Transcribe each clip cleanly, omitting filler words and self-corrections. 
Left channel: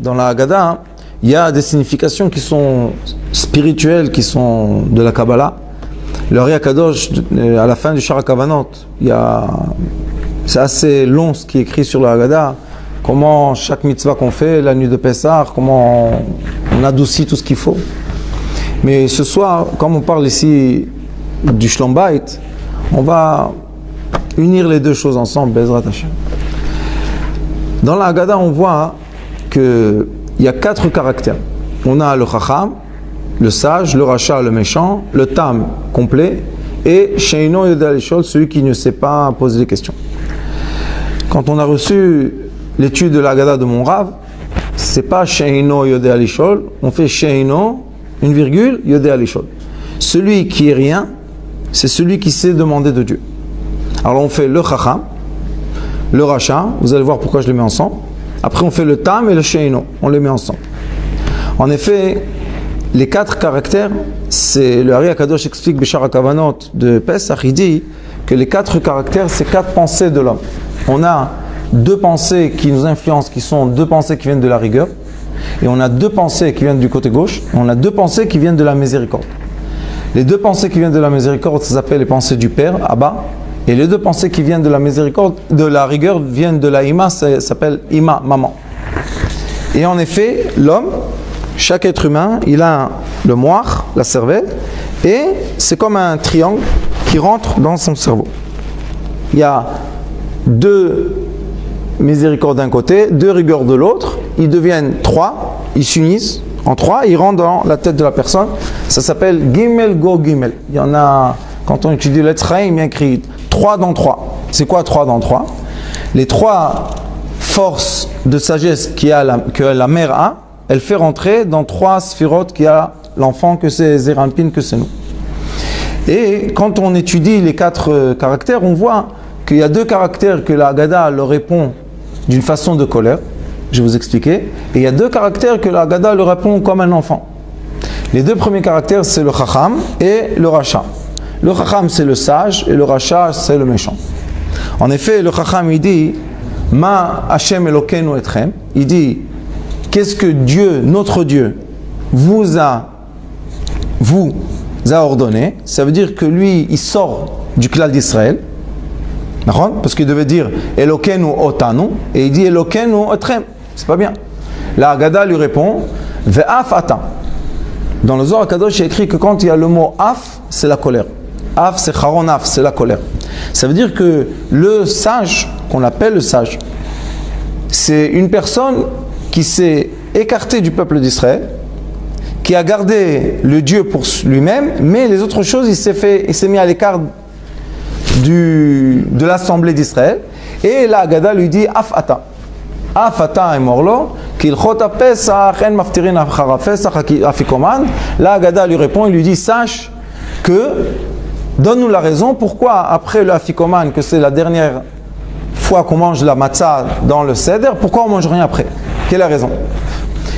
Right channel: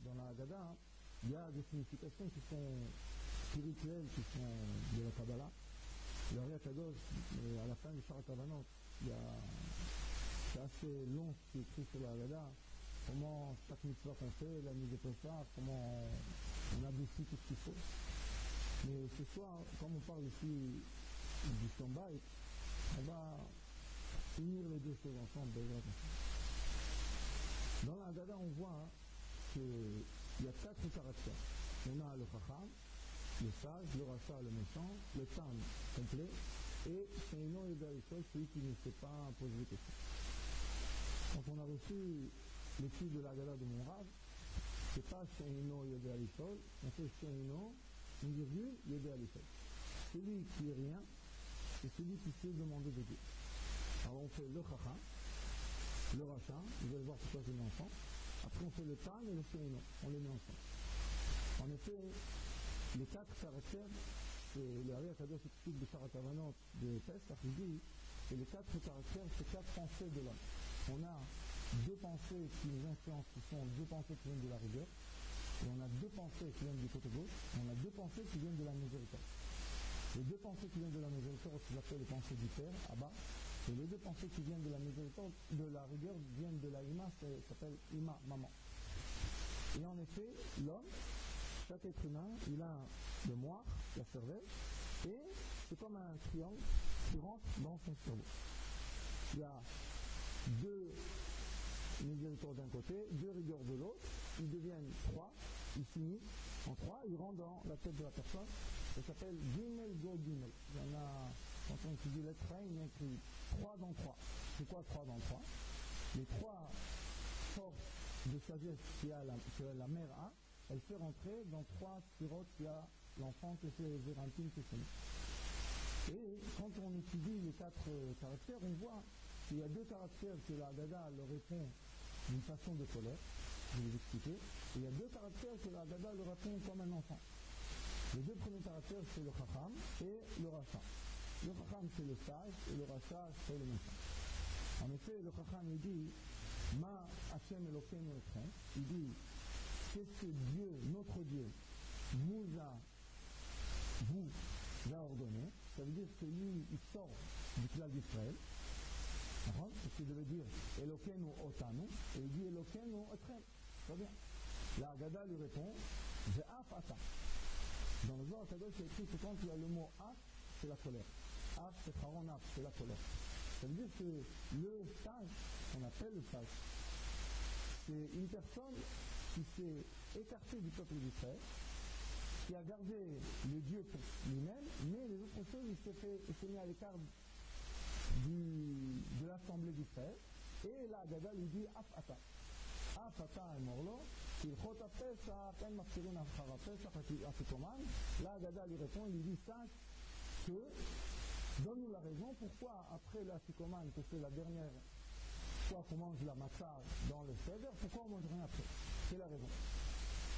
dans la Haggadah, il y a des significations qui sont spirituelles, qui sont de la Kabbalah. Le Ari Akadosh, à la fin du Shara Kavanot, c'est assez long ce qui est écrit sur la Haggadah. Comment chaque mitzvah qu'on fait, la nuit de Pessah, comment on adoucit tout ce qu'il faut. Mais ce soir, comme on parle ici du Shlom Bayit, on va unir les deux choses ensemble, Bezrat Hashem. Dans la Haggadah, on voit qu'il y a 4 caractères. On a le Chacham, le sage, le Racha, le méchant, le Tam complet, et Sheino Yodeh Lishol, celui qui ne sait pas poser des questions. Quand on a reçu l'étude de la Haggadah de mon Rav, c'est pas Sheino Yodeh Lishol, on fait Sheino, une virgule, Yodeh Lishol. Celui qui est rien, c'est celui qui sait demander de Dieu. Alors on fait le Chacham, le Racha, vous allez voir pourquoi je les mets ensemble. Après on fait le Tam et le Sheino, on les met ensemble. En effet, les 4 caractères, c'est le Ari Akadosh explique Bishara Kavanot de Pesach, il dit que les 4 caractères, c'est 4 pensées de l'homme. On a 2 pensées qui nous influencent, qui sont 2 pensées qui viennent de la rigueur, et on a 2 pensées qui viennent du côté gauche, et on a 2 pensées qui viennent de la miséricorde. Les 2 pensées qui viennent de la miséricorde, ça s'appelle les pensées du Père, Abba, et les 2 pensées qui viennent de la miséricorde, de la rigueur, viennent de la Ima, ça s'appelle Ima, maman. Et en effet, l'homme, chaque être humain, il a le moire, la cervelle, et c'est comme un triangle qui rentre dans son cerveau. Il y a 2 miséricordes d'un côté, 2 rigueurs de l'autre, ils deviennent 3, ils s'unissent en 3, ils rentrent dans la tête de la personne. Ça s'appelle Gimel Go Gimel. Il y en a, quand on étudie l'Etzraïm, il y a écrit 3 dans 3. C'est quoi 3 dans 3? Les 3 forces de sagesse que la mère a, elle fait rentrer dans 3 sphirotes qu'il y a l'enfant, que c'est Zerampin, que c'est nous. Et quand on étudie les 4 caractères, on voit qu'il y a 2 caractères que la Haggadah leur répond d'une façon de colère. Je vais vous expliquer. Et il y a 2 caractères que la Haggadah leur répond comme un enfant. Les 2 premiers caractères, c'est le Chacham et le Racha. Le Chacham, c'est le sage, et le Racha, c'est le méchant. En effet, le Chacham, il dit Ma Hashem Elokeinu Etchem. Il dit qu'est-ce que Dieu, notre Dieu, vous a ordonné? Ça veut dire que lui, il sort du klal d'Israël. Parce qu'il devait dire Elokeinu Otanu, et il dit Elokeinu Etrem. C'est pas bien. La Haggadah lui répond Ve'af Ata. Dans le Zohar HaKadosh, il y a écrit que quand il y a le mot Af, c'est la colère. Af, c'est Charon Af, c'est la colère. Ça veut dire que le sage, qu'on appelle le sage, c'est une personne qui s'est écarté du peuple d'Israël, qui a gardé le Dieu pour lui-même, mais les autres choses, il s'est mis à l'écart de l'assemblée d'Israël. Et la Haggadah lui dit Afata. Afata et morlo, kilchot pesach en maftirin achara pesach afikoman. La Haggadah lui répond, il lui dit sache que, donne-nous la raison pourquoi après le afikoman, que c'est la dernière fois qu'on mange la matzah dans le seder, pourquoi on ne mange rien après? Quelle est la raison?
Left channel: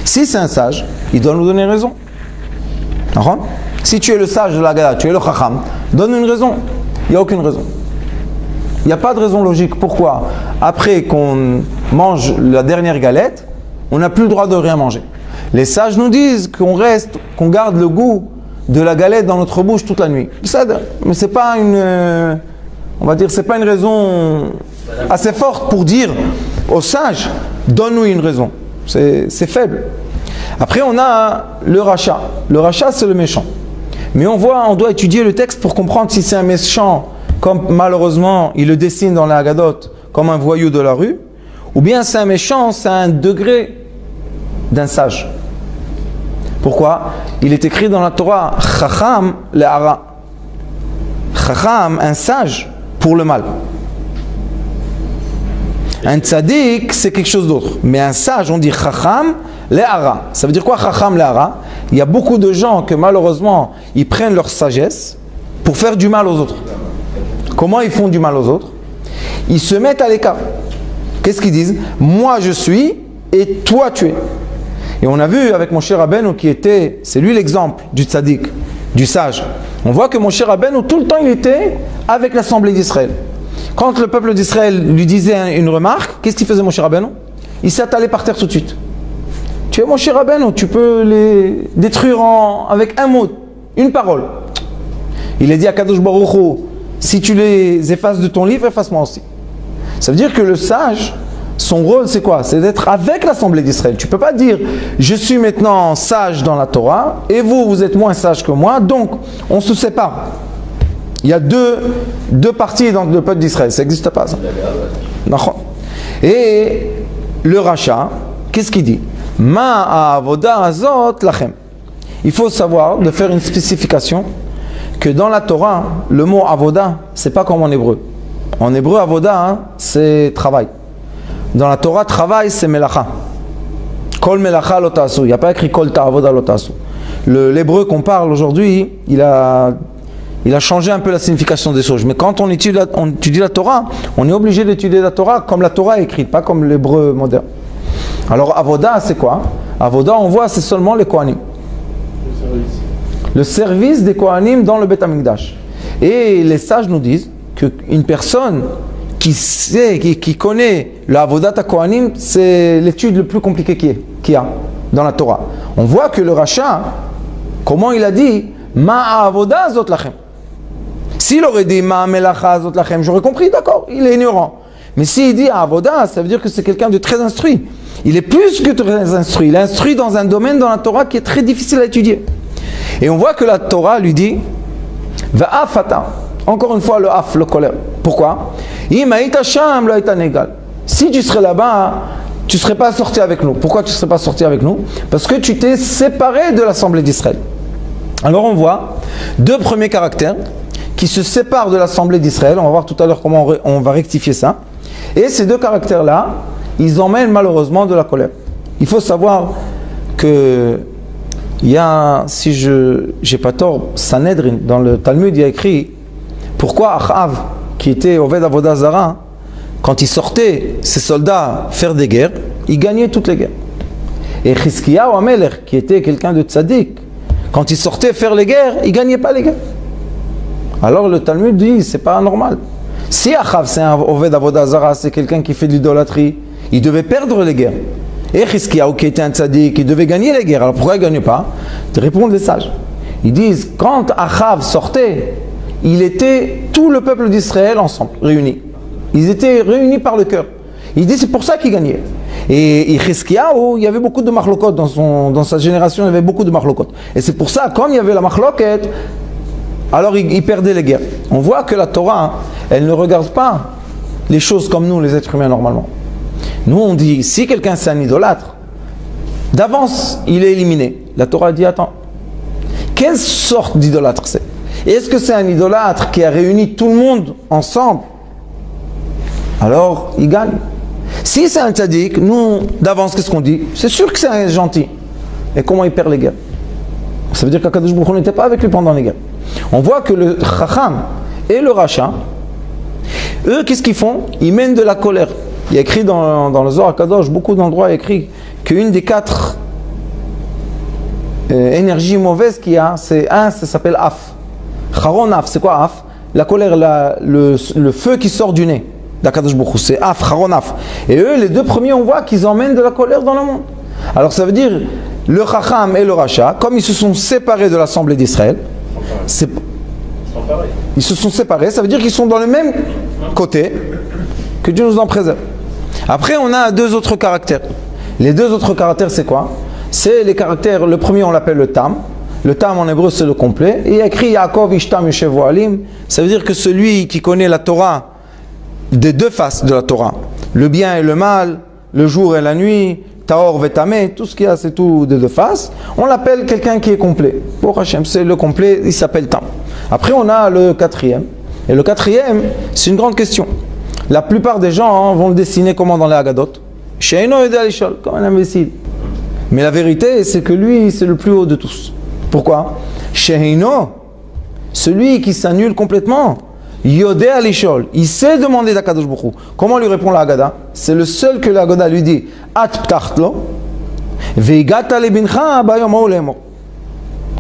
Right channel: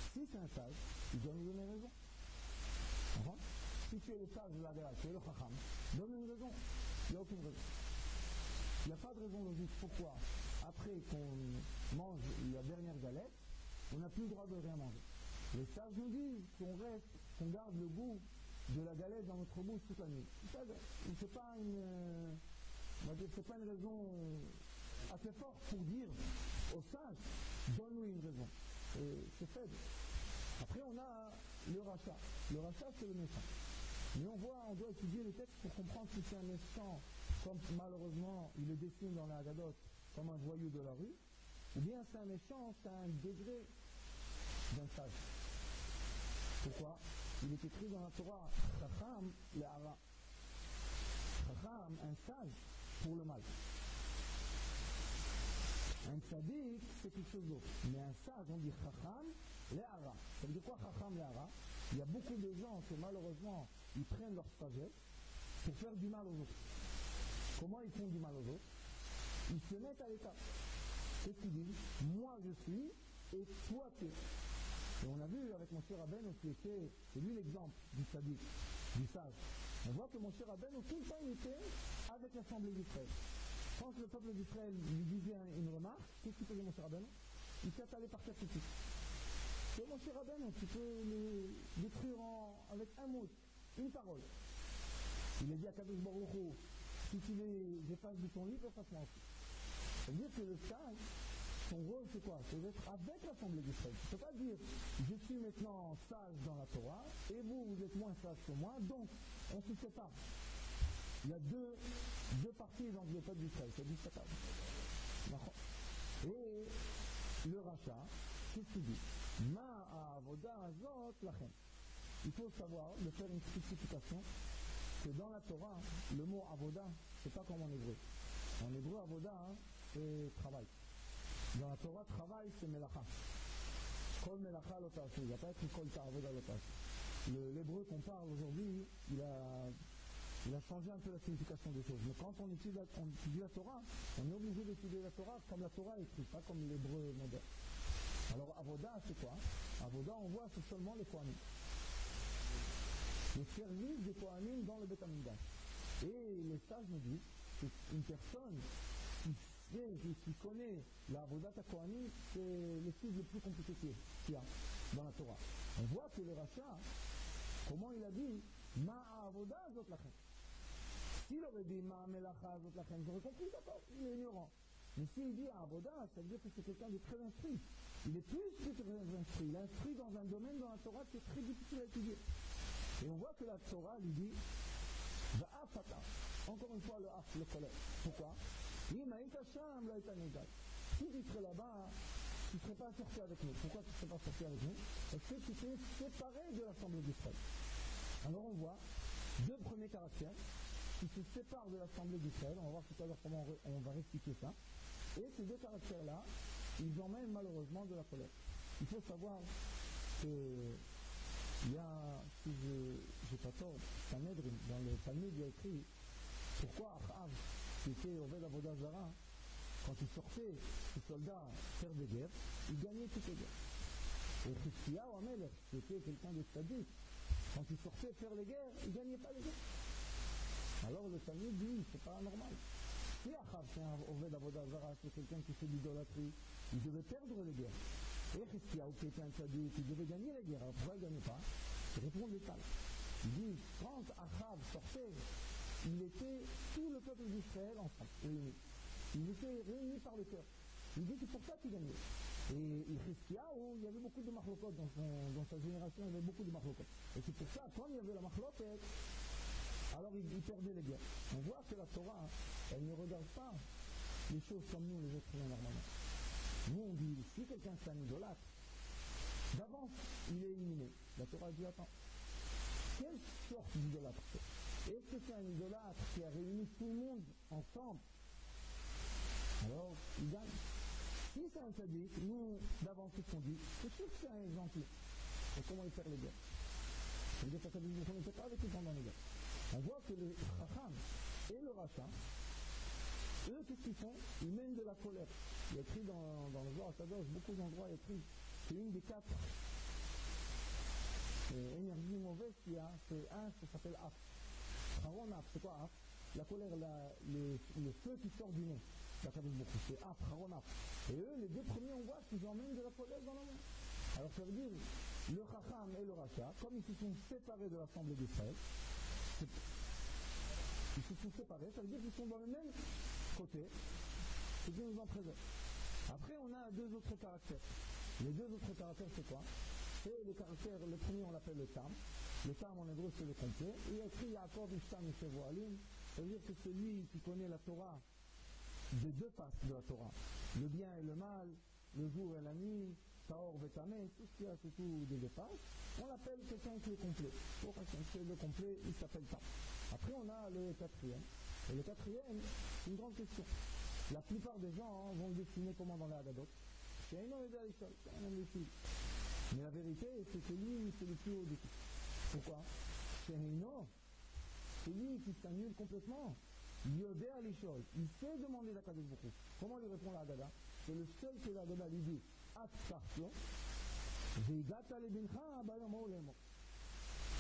Si c'est un sage, il doit nous donner raison. Si tu es le sage de la Haggadah, tu es le chacham, donne une raison. Il n'y a aucune raison. Il n'y a pas de raison logique. Pourquoi? Après qu'on mange la dernière galette, on n'a plus le droit de rien manger. Les sages nous disent qu'on garde le goût de la galette dans notre bouche toute la nuit. Mais c'est pas on va dire, c'est pas une raison assez forte pour dire aux sages, donne-nous une raison. C'est faible. Après, on a le rachat. Le rachat, c'est le méchant. Mais on doit étudier le texte pour comprendre si c'est un méchant, comme malheureusement il le dessine dans la Haggadot, comme un voyou de la rue, ou bien c'est un méchant, c'est un degré d'un sage. Pourquoi? Il est écrit dans la Torah, Chacham le'ara. Chacham, un sage, pour le mal. Un tzaddik, c'est quelque chose d'autre. Mais un sage, on dit Chacham le'ara. Ça veut dire quoi Chacham le'ara? Il y a beaucoup de gens que malheureusement, ils prennent leur sagesse pour faire du mal aux autres. Comment ils font du mal aux autres? Ils se mettent à l'écart. Qu'est-ce qu'ils disent? Moi je suis et toi tu es. Et on a vu avec Moshe Rabbeinu qui était, c'est lui l'exemple du tzaddik, du sage. On voit que Moshe Rabbeinu, tout le temps il était avec l'assemblée d'Israël. Quand le peuple d'Israël lui disait une remarque, qu'est-ce qu'il faisait Moshe Rabbeinu? Il s'attalait par terre tout de suite. Tu es Moshe Rabbeinu, tu peux les détruire avec un mot, une parole. Il a dit à Kadosh Baruch Hu, si tu les effaces de ton livre, efface-moi aussi. Ça veut dire que le sage, son rôle c'est quoi? C'est d'être avec l'Assemblée d'Israël. Tu ne peux pas dire, je suis maintenant sage dans la Torah, et vous, vous êtes moins sage que moi, donc on se sépare. Il y a deux parties dans le peuple d'Israël, ça n'existe pas ça. Et le rachat, qu'est-ce qu'il dit? Ma avoda azot lachem. Il faut savoir de faire une spécification que dans la Torah, le mot avoda, c'est pas comme en hébreu. En hébreu, avoda, hein, c'est travail. Dans la Torah, travail, c'est melacha. Kol melacha lo ta'asu. Il n'y a pas écrit kol ta'avoda lo ta'asu. L'hébreu qu'on parle aujourd'hui, il a changé un peu la signification des choses. Mais quand on étudie la Torah, on est obligé d'étudier la Torah comme la Torah est écrite, pas comme l'hébreu moderne. Alors, avoda, c'est quoi? Avoda, on voit, c'est seulement les Kohanim. Le service des Kohanim dans le Beth Amikdash. Et les sages nous disent qu'une personne qui sait, qui connaît l'avodat à Kohanim, c'est l'étude le plus compliquée qu'il y a dans la Torah. On voit que le rachat, comment il a dit Ma avoda zot lachem. S'il aurait dit Ma melacha zot lachem, j'aurais compris, d'accord, il est ignorant. Mais s'il dit avoda, ça veut dire que c'est quelqu'un de très instruit. Il est plus que très instruit. Il est instruit dans un domaine dans la Torah qui est très difficile à étudier. Et on voit que la Torah lui dit Va'afata. Encore une fois, le af, le colère. Pourquoi? Si tu serais là-bas, tu ne serais pas sorti avec nous. Pourquoi tu ne serais pas sorti avec nous? Parce que tu t'es séparé de l'Assemblée d'Israël. Alors on voit deux premiers caractères qui se séparent de l'Assemblée d'Israël. On va voir tout à l'heure comment on va rectifier ça. Et ces deux caractères-là, ils emmènent malheureusement de la colère. Il faut savoir que il y a, si je n'ai pas tort, Sanhedrin, dans le Talmud, il y a écrit pourquoi Achav, qui était Oved Avodah Zara, quand il sortait ses soldats faire des guerres, il gagnait toutes les guerres. Et Chizkiyahu Amelech, qui était quelqu'un de tzaddik, quand il sortait faire les guerres, il ne gagnait pas les guerres. Alors le Talmud dit, c'est pas normal. Si Achav, c'est un Oved Avodah Zara, c'est quelqu'un qui fait de l'idolâtrie, il devait perdre les guerres. Et Chizkiyahu, qui était un tzaddik, il devait gagner les guerres. Alors pourquoi il ne gagnait pas? Répondent les sages. Ils disent, quand Achav sortait, il était tout le peuple d'Israël ensemble, réunis. Ils étaient réunis par le cœur. Il dit c'est pour ça qu'il gagnait. Et Chizkiyahu, il y avait beaucoup de machlokot dans sa génération, il y avait beaucoup de machlokot. Et c'est pour ça, quand il y avait la machloket, alors il perdait les guerres. On voit que la Torah, elle ne regarde pas les choses comme nous, les êtres humains, normalement. Nous, on dit, si quelqu'un c'est un idolâtre, d'avance, il est éliminé. La Torah dit, attends, quelle sorte d'idolâtre c'est? Est-ce que c'est un idolâtre qui a réuni tout le monde ensemble? Alors, il gagne. Si c'est un tzaddik, nous, d'avance, qu'est-ce qu'on dit? C'est sûr que c'est un gentil. Et comment il perd les guerres? Ça veut dire qu'Akadosh Baruch Hu n'était pas avec lui pendant les guerres. On voit que le Chacham et le Racha, eux, qu'est-ce qu'ils font? Ils mènent de la colère. Il y a écrit dans le Zohar Kadosh, beaucoup d'endroits, il y a écrit qu'une des 4 énergies mauvaises qu'il y a, c'est ça s'appelle Af. Charon Af, c'est quoi Af? La colère, le feu qui sort du nez d'Akadosh Baruch Hu, c'est Af, Charon Af. Et eux, les deux premiers, on voit qu'ils emmènent de la colère dans le monde. Alors ça veut dire, le Chacham et le Racha, comme ils se sont séparés de l'Assemblée d'Israël, ils se sont séparés, ça veut dire qu'ils sont dans le même côté, que Dieu nous en préserve. Après, on a 2 autres caractères. Les 2 autres caractères, c'est quoi? C'est les caractères, le premier, on l'appelle le Tam. Le Tam en hébreu, c'est le complet. Et il y a écrit Yaakov Ishtam Yoshev Ohalim. Ça veut dire que celui qui connaît la Torah, des 2 faces de la Torah, le bien et le mal, le jour et la nuit, Taor Vetame, tout ce qu'il y a, c'est tout des 2 faces. On l'appelle quelqu'un qui est complet. Pour Hachem, c'est le complet, il s'appelle Tam. Après, on a le 4e. Et le 4e, c'est une grande question. La plupart des gens vont le dessiner comment dans les Haggadot. Sheino Yodea Lishol, comme un imbécile. Mais la vérité, c'est que lui, c'est le plus haut de tous. Pourquoi? Sheino, celui qui s'annule complètement, Yodea Lishol, il sait demander d'Akadosh Baruch Hu. Comment lui répond la Haggadah? C'est le seul que la Haggadah lui dit At ptachtlo, veigata lebincha bayom ha'olemo.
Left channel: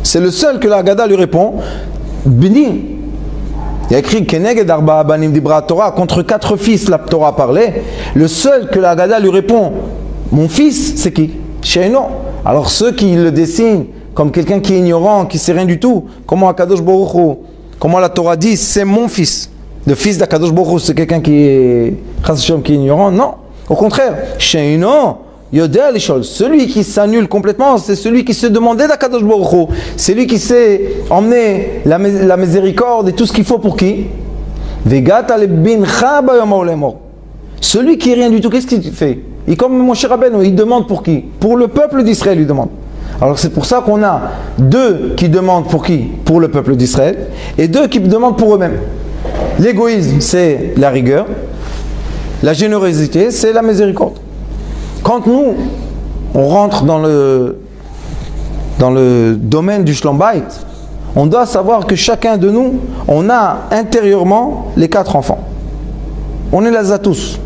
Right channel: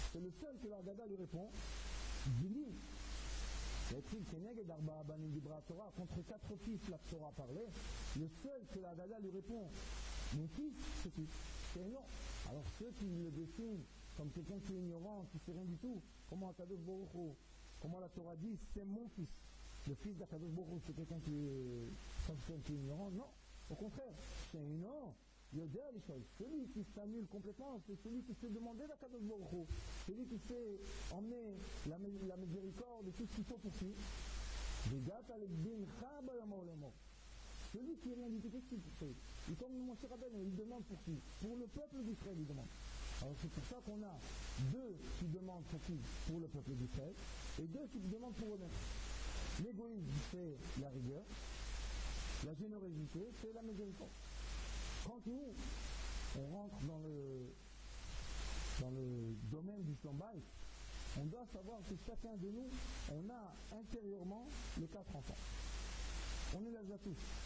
C'est le seul que la Haggadah lui répond Bni. Il y a écrit Keneged Arba Abanim Dibra Torah, contre 4 fils la Torah parlait. Le seul que la Haggadah lui répond, mon fils, c'est qui? Sheino. Alors ceux qui le dessinent comme quelqu'un qui est ignorant, qui ne sait rien du tout, comment Akadosh Baruch Hu, comment la Torah dit, c'est mon fils. Le fils d'Akadosh Baruch Hu, c'est quelqu'un qui est ignorant. Non, au contraire. Sheino, Yodea Lishol. Celui qui s'annule complètement, c'est celui qui se demandait d'Akadosh Baruch Hu. C'est lui qui sait emmener la miséricorde et tout ce qu'il faut pour qui? Celui qui est rien du tout, qu'est-ce qu'il fait? Il comme mon cher Rabbeinu, il demande pour qui? Pour le peuple d'Israël, il demande. Alors c'est pour ça qu'on a deux qui demandent pour qui? Pour le peuple d'Israël, et deux qui demandent pour eux-mêmes. L'égoïsme, c'est la rigueur. La générosité, c'est la miséricorde. Quand nous, on rentre dans le domaine du Shlom Bayit, on doit savoir que chacun de nous, on a intérieurement les 4 enfants. On est là à tous.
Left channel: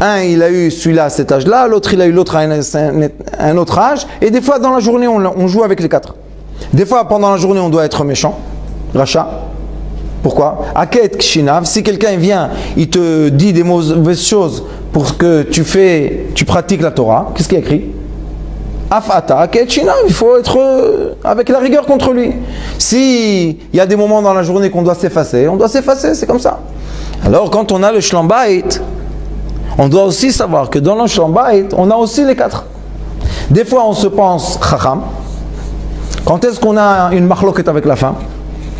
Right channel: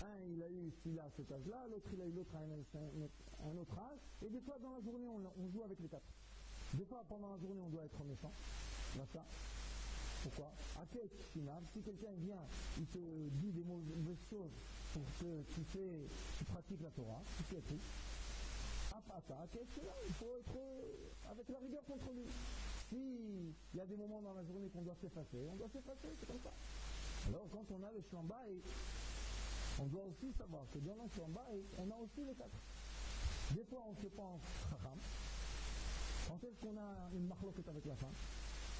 Un, il a eu celui-là à cet âge-là, l'autre, il a eu l'autre à un autre âge, et des fois, dans la journée, on joue avec les 4. Des fois, pendant la journée, on doit être méchant, rachat. Pourquoi? Aket kshinav, si quelqu'un vient, il te dit des mauvaises choses pour que tu pratiques la Torah, qu'est-ce qu'il y a écrit? Afata aket kshinav, il faut être avec la rigueur contre lui. Si il y a des moments dans la journée qu'on doit s'effacer, on doit s'effacer, c'est comme ça. Alors quand on a le Shlom Bayit, on doit aussi savoir que dans le Shlom Bayit, on a aussi les 4. Des fois on se pense chacham. Quand est-ce qu'on a une machloket avec la femme?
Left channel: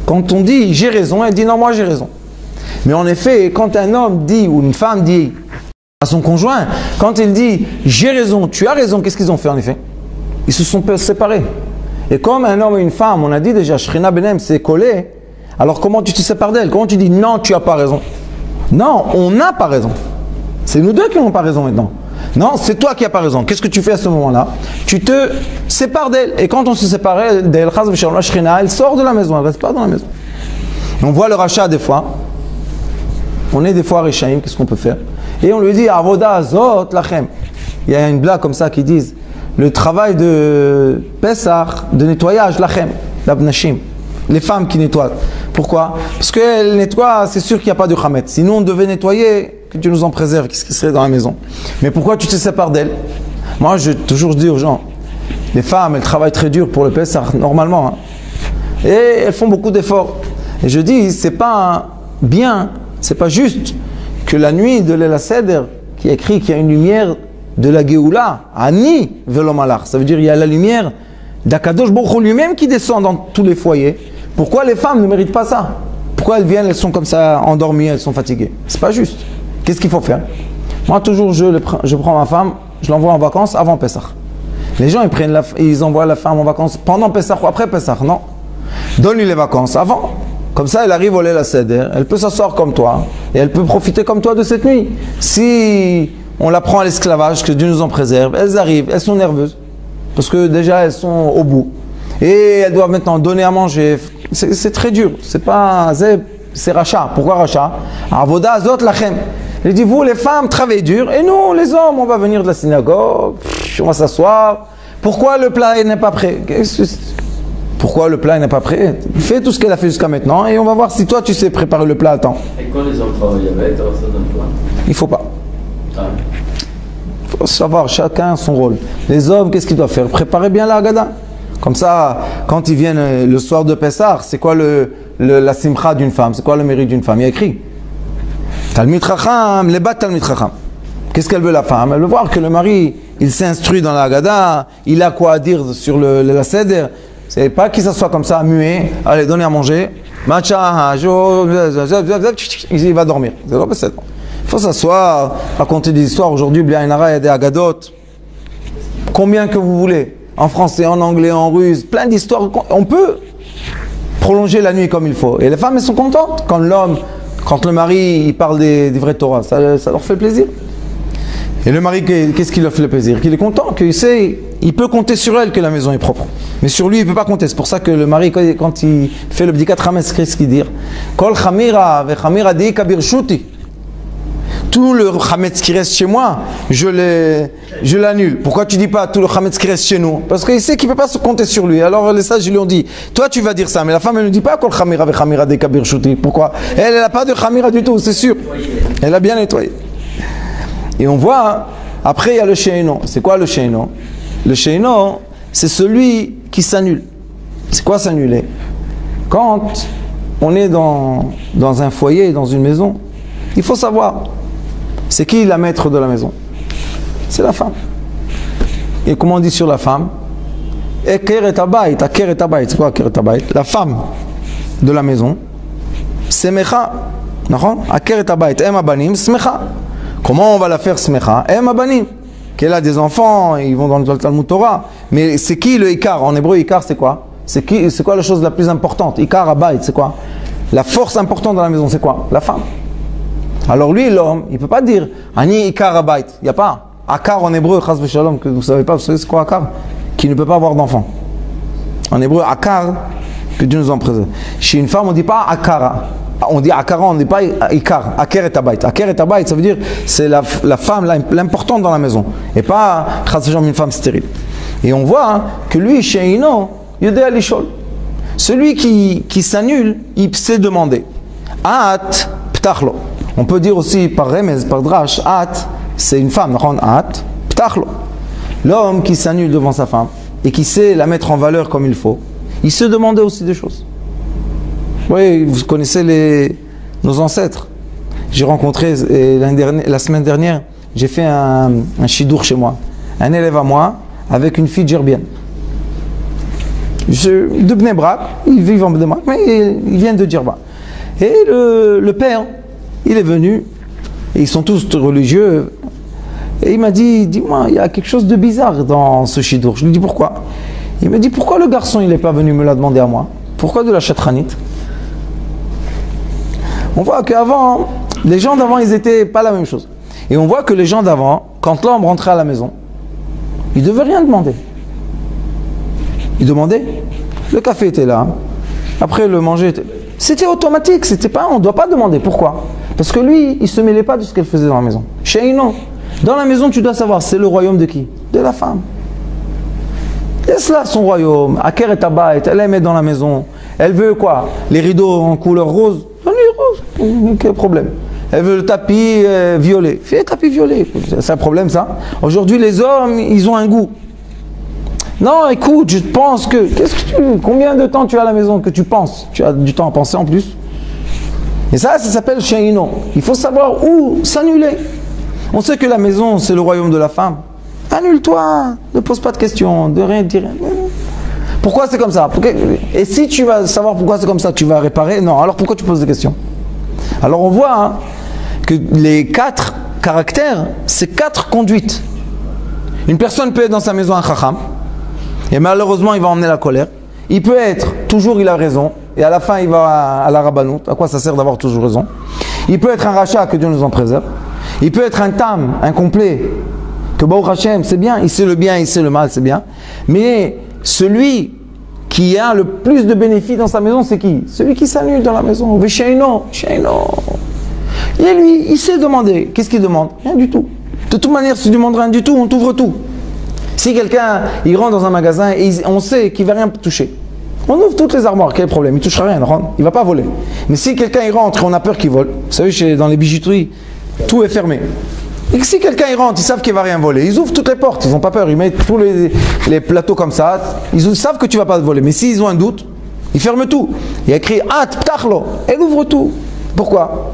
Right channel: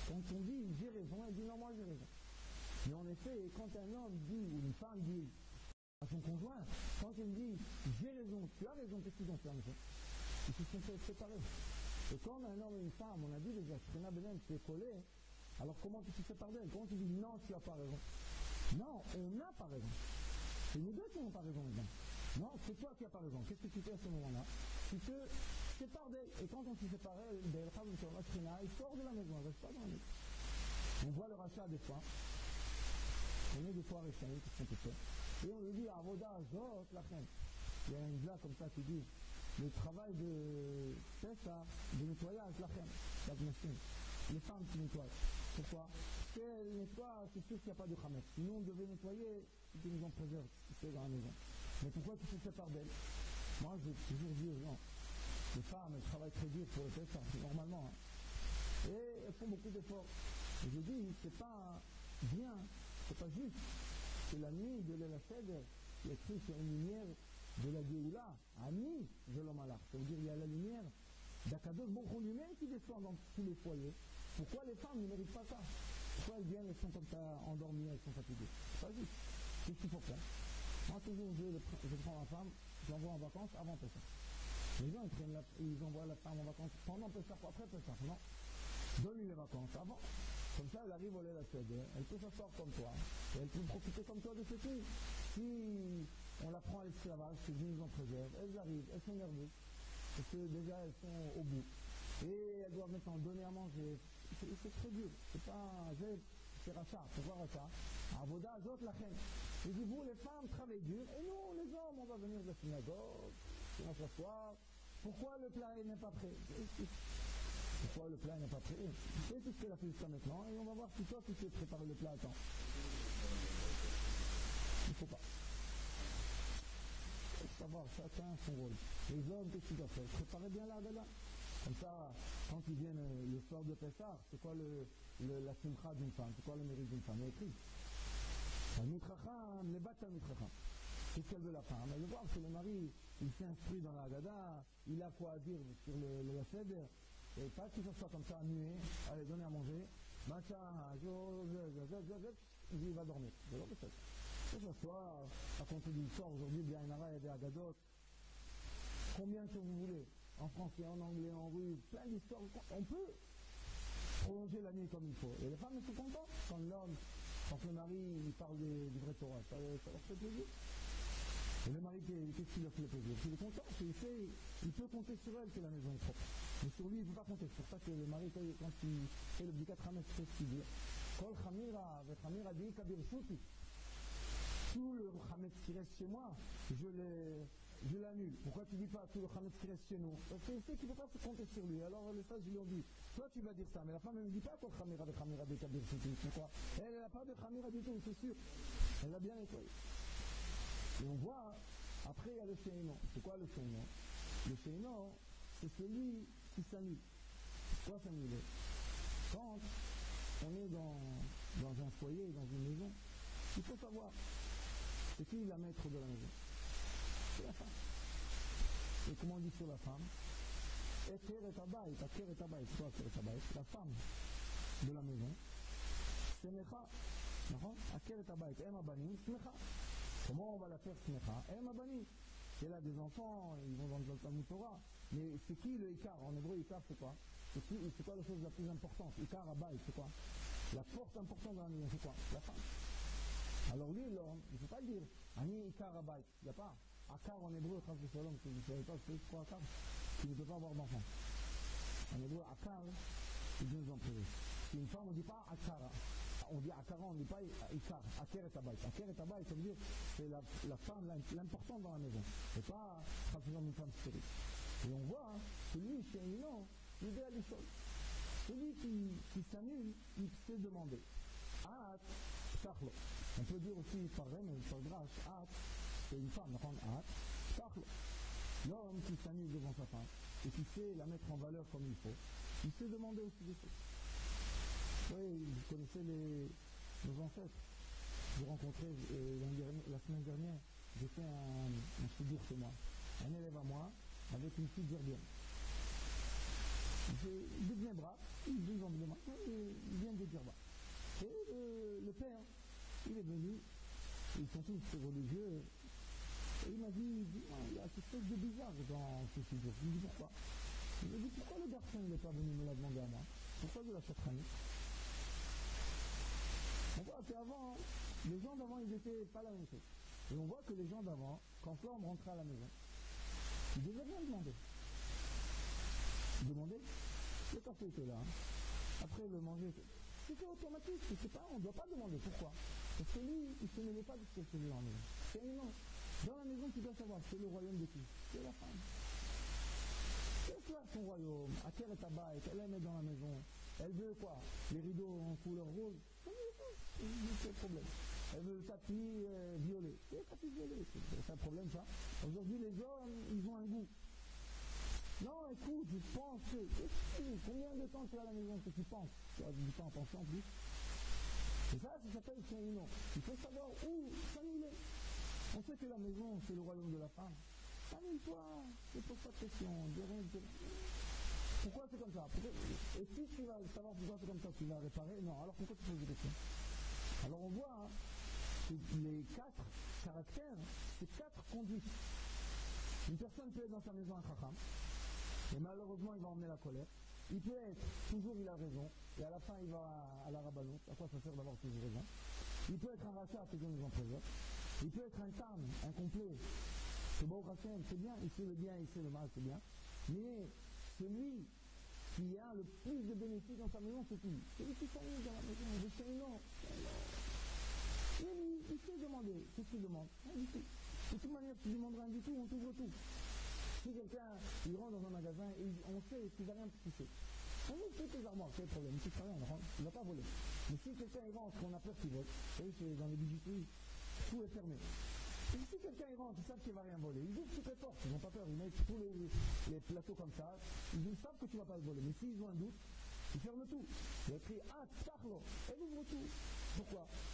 Quand on dit j'ai raison, elle dit non, moi j'ai raison. Mais en effet, quand un homme dit ou une femme dit à son conjoint, quand il dit j'ai raison, tu as raison, qu'est-ce qu'ils ont fait en effet? Ils se sont séparés. Et comme un homme et une femme, on a dit déjà, Shrina Benem s'est collé, alors comment tu te sépares d'elle? Comment tu dis non, tu n'as pas raison? Non, on n'a pas raison. C'est nous deux qui n'avons pas raison maintenant. Non, c'est toi qui n'as pas raison. Qu'est-ce que tu fais à ce moment-là? Tu te sépares d'elle. Et quand on se sépare d'elle, elle sort de la maison, elle ne reste pas dans la maison. On voit le rachat des fois. On est des fois à Rechaim, qu'est-ce qu'on peut faire? Et on lui dit, Avoda Azot Lachem. Il y a une blague comme ça qui disent, le travail de Pessah, de nettoyage, Lachem, l'Abnashim, les femmes qui nettoient. Pourquoi? Parce qu'elles nettoient, c'est sûr qu'il n'y a pas de Khamet. Sinon on devait nettoyer, que Dieu nous en préserve, qu'est-ce qui serait dans la maison? Mais pourquoi tu te sépares d'elles? Moi, je toujours dis aux gens, les femmes, elles travaillent très dur pour le Pessah, normalement. Hein. Et elles font beaucoup d'efforts. Et je dis, c'est pas bien, c'est pas juste que la nuit de l'El Seder, qui est écrit qu'il y a une lumière de la Géoula, Ani Velomalach. Ça veut dire qu'il y a la lumière d'Akadosh Baruch Hu lui-même qui descend dans tous les foyers. Pourquoi les femmes ne méritent pas ça? Pourquoi elles viennent, elles sont comme ça endormies, elles sont fatiguées? C'est pas juste. Qu'est-ce qu'il faut faire? Moi, toujours, je prends ma femme, je l'envoie en vacances avant Pessah. Les gens, ils envoient la femme en vacances pendant Pessah ou après Pessah. Non. Donne-lui les vacances avant. Comme ça, elle arrive au Leil HaSeder, elle peut s'asseoir comme toi, et elle peut profiter comme toi de cette nuit. Si on la prend à l'esclavage, que Dieu nous en préserve, elles arrivent, elles sont nerveuses, parce que déjà elles sont au bout. Et elles doivent maintenant donner à manger. C'est très dur, c'est rachat. Pourquoi rachat? Avoda Azot Lachem. Il dit, vous les femmes, travaillez dur, et nous les hommes, on va venir de la synagogue, on va s'asseoir. Pourquoi le plat n'est pas prêt? Pourquoi le plat n'est pas prêt? Fais tout ce qu'elle a fait jusqu'à maintenant et on va voir si toi tu sais préparer le plat à temps. Et quand les hommes travaillent avec, alors ça donne quoi? Il faut pas. Il faut savoir, chacun son rôle. Les hommes, qu'est-ce qu'ils doivent faire? Préparer bien la Haggadah. Comme ça, quand ils viennent le soir de Pessah, c'est quoi la simcha d'une femme? C'est quoi le mérite d'une femme? Il y a écrit Talmid Chacham, les bat Talmid Chacham. Qu'est-ce qu'elle veut la femme? Elle veut voir que le mari, il s'instruit dans la Haggadah, il a quoi à dire sur la Seder. C'est pas qu'il s'assoit comme ça, muet, allez, donnez à manger, matcha, il va dormir. Il faut s'asseoir, raconter des histoires. Aujourd'hui, il y a des Haggadot. Combien que vous voulez? En français, en anglais, en russe, plein d'histoires. On peut prolonger la nuit comme il faut. Et les femmes, elles sont contentes quand le mari, il parle des vrais Torah. Ça leur fait plaisir. Et le mari, qu'est-ce qui leur fait le plaisir? Qu'il est content, qu'il sait, il peut compter sur elle que la maison est propre. Mais sur lui, il ne peut pas compter. C'est pour ça que le mari, quand il fait le bdikat chametz, qu'est-ce qu'il dit? Kol chamira ve chamira di kabir shuti. Tout le chametz qui reste chez moi, je l'annule. Pourquoi tu dis pas tout le chametz qui reste chez nous? Parce qu'il sait qu'il ne peut pas se compter sur lui. Alors les sages lui ont dit, toi tu vas dire ça, mais la femme elle ne dit pas kol chamira ve chamira di kabir shuti. Pourquoi? Elle n'a pas de chamira du tout, c'est sûr. Elle a bien nettoyé. Et on voit, après il y a le sheino. C'est quoi le sheino? Le sheino, c'est celui qui s'annule. C'est quoi s'annuler? Quand on est dans un foyer, dans une maison, il faut savoir, c'est qui la maître de la maison? C'est la femme. Et comment on dit sur la femme? Eker et abayt, aker et abayt, c'est quoi aker et abayt? La femme de la maison, semecha, aker et abayt, em abanim, semecha. Comment on va la faire semecha? Em abanim. Qu'elle a des enfants, ils vont dans le Talmud Torah. Mais c'est qui le ikar? En hébreu, ikar c'est quoi? C'est quoi la chose la plus importante? Ikar abayt, c'est quoi? La force importante dans la maison, c'est quoi? La femme. Alors lui, l'homme, il ne peut pas dire Ani ikar abayt. Il n'y a pas. Akar en hébreu, chas v'shalom, que vous ne savez pas, vous savez c'est quoi akar? Qui ne peut pas avoir d'enfant. En hébreu, akar, que Dieu nous en préserve. Chez une femme, on ne dit pas akara. On dit akara, on ne dit pas ikar. Aker et abayt. Aker et abayt, ça veut dire c'est la femme l'importante dans la maison. Et pas chas v'shalom, une femme stérile. Et on voit que lui, chez Ino, yodé alishol. Celui qui s'annule, il sait demander. At ptachlo. On peut dire aussi par remez, par drash, at, c'est une femme, at ptachlo. L'homme qui s'annule devant sa femme et qui sait la mettre en valeur comme il faut, il se demandait aussi des choses. Oui, vous connaissez nos ancêtres. J'ai rencontré la semaine dernière, j'ai fait un shidour chez moi. Un élève à moi avec une fille djerbienne. De Bnei Brak, ils vivent en Bnei Brak, mais ils viennent de Djerba. Et le père, il est venu, et ils sont tous religieux, et il m'a dit, dis-moi, il y a quelque chose de bizarre dans ce shidour. Je lui dis pourquoi? Il me dit, pourquoi le garçon il n'est pas venu me la demander à moi? Pourquoi de la chatranite? On voit qu'avant, les gens d'avant, ils n'étaient pas la même chose. Et on voit que les gens d'avant, quand l'homme rentrait à la maison, il ne devait rien demander. Il demandait, le café était là, après le manger était... C'était automatique, c'était pas, on ne doit pas demander. Pourquoi? Parce que lui, il ne se mêlait pas de ce qu'elle faisait dans la maison. Chez Ino, dans la maison, tu dois savoir, c'est le royaume de qui? De la femme. Laisse là son royaume, Aker et Abayt, elle aime être dans la maison. Elle veut quoi? Les rideaux en couleur rose? Donnez rose, quel problème? Elle veut le tapis violet. Fais le tapis violet, c'est un problème ça. Aujourd'hui, les hommes, ils ont un goût. Non, écoute, je pense que... Combien de temps tu as à la maison que tu penses? Tu as du temps à penser en plus. Et ça s'appelle Sheino. Il faut savoir où s'annuler. On sait que la maison, c'est le royaume de la femme. Annule-toi, ne pose pas de questions, de rien dire. Pourquoi c'est comme ça? Et si tu vas savoir pourquoi c'est comme ça, tu vas réparer? Non, alors pourquoi tu poses des questions? Alors on voit que les 4 caractères, c'est 4 conduites. Une personne peut être dans sa maison un chacham, et malheureusement il va emmener la colère. Il peut être, toujours il a raison, et à la fin il va à la rabbanout. À quoi ça sert d'avoir toujours raison? Il peut être un rachat, que Dieu nous en préserve. Il peut être un tam, incomplet, que Baruch Hashem, c'est bien, il sait le bien, il sait le mal, c'est bien. Mais celui qui a le plus de bénéfices dans sa maison, c'est qui? Celui qui s'annule dans la maison. Vesheino, Sheino. Et lui, il sait demander. Qu'est-ce qu'il demande? Rien du tout. De toute manière, si tu demandes rien du tout, on t'ouvre tout. Si quelqu'un, il rentre dans un magasin et on sait qu'il ne va rien toucher, on ouvre toutes les armoires, quel problème? Il ne touchera rien, il ne va pas voler. Mais si quelqu'un il rentre et on a peur qu'il vole, vous savez, dans les bijouteries, tout est fermé. Et si quelqu'un il rentre, ils savent qu'il ne va rien voler, ils ouvrent toutes les portes, ils n'ont pas peur, ils mettent tous les plateaux comme ça, ils savent que tu ne vas pas te voler. Mais s'ils ont un doute, ils ferment tout. Il y a écrit At Ptachlo, elle ouvre tout. Pourquoi?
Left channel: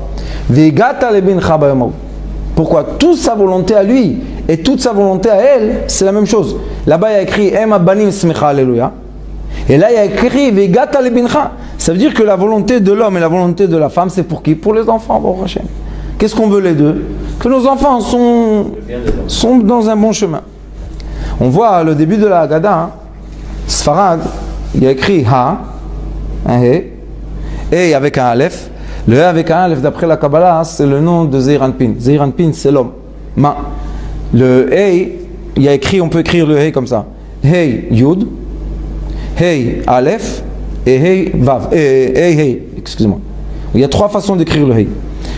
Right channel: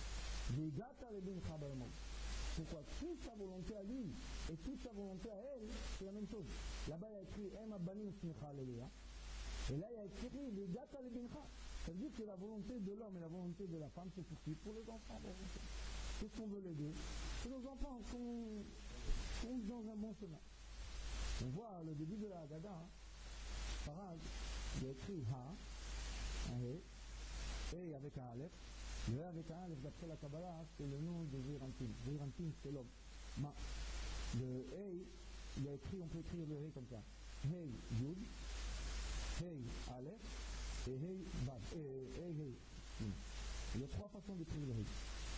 Vegata lebincha bayomau. Pourquoi? Toute sa volonté à lui et toute sa volonté à elle, c'est la même chose. Là-bas il y a écrit Ema banim smecha alléluia. Et là il y a écrit Vegata lebincha. Ça veut dire que la volonté de l'homme et la volonté de la femme, c'est pour qui? Pour les enfants, Baruch Hashem. Qu'est-ce qu'on veut les deux? Que nos enfants sont dans un bon chemin. On voit le début de la Haggadah, Sfarad, il y a écrit Ha, un He, et avec un Aleph. Le He avec un Aleph, d'après la Kabbalah, c'est le nom de Zeir Anpin. Zeir Anpin, c'est l'homme. Ma. Le He, il y a écrit, on peut écrire le He comme ça. He Yud, He Aleph, et He Vav. He, excusez-moi. Il y a 3 façons d'écrire le He.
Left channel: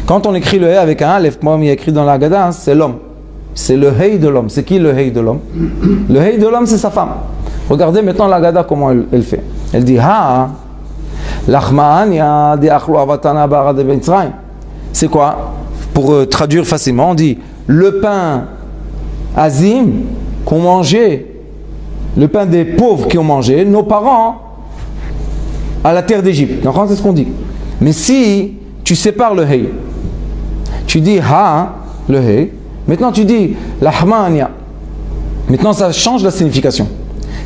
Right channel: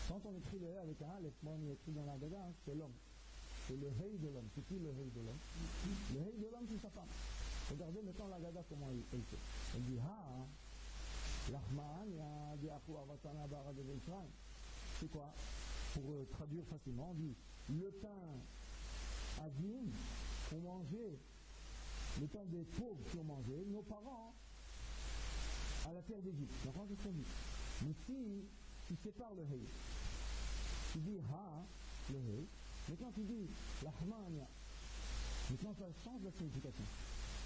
Quand on écrit le He avec un Aleph, comme il y a écrit dans la Haggadah, c'est l'homme. C'est le He de l'homme. C'est qui le He de l'homme? Le He de l'homme, c'est sa femme. Regardez maintenant la Haggadah, comment elle fait. Elle dit Ha, l'achma'anya de achlu avatana bara de Mitzrayim. C'est quoi? Pour traduire facilement, on dit le pain azim qu'on mangeait le pain des pauvres qui ont mangé, nos parents à la terre d'Égypte. Donc c'est ce qu'on dit. Mais si tu sépares le hey, tu dis ha, le hey, maintenant tu dis lahmania. Maintenant ça change la signification.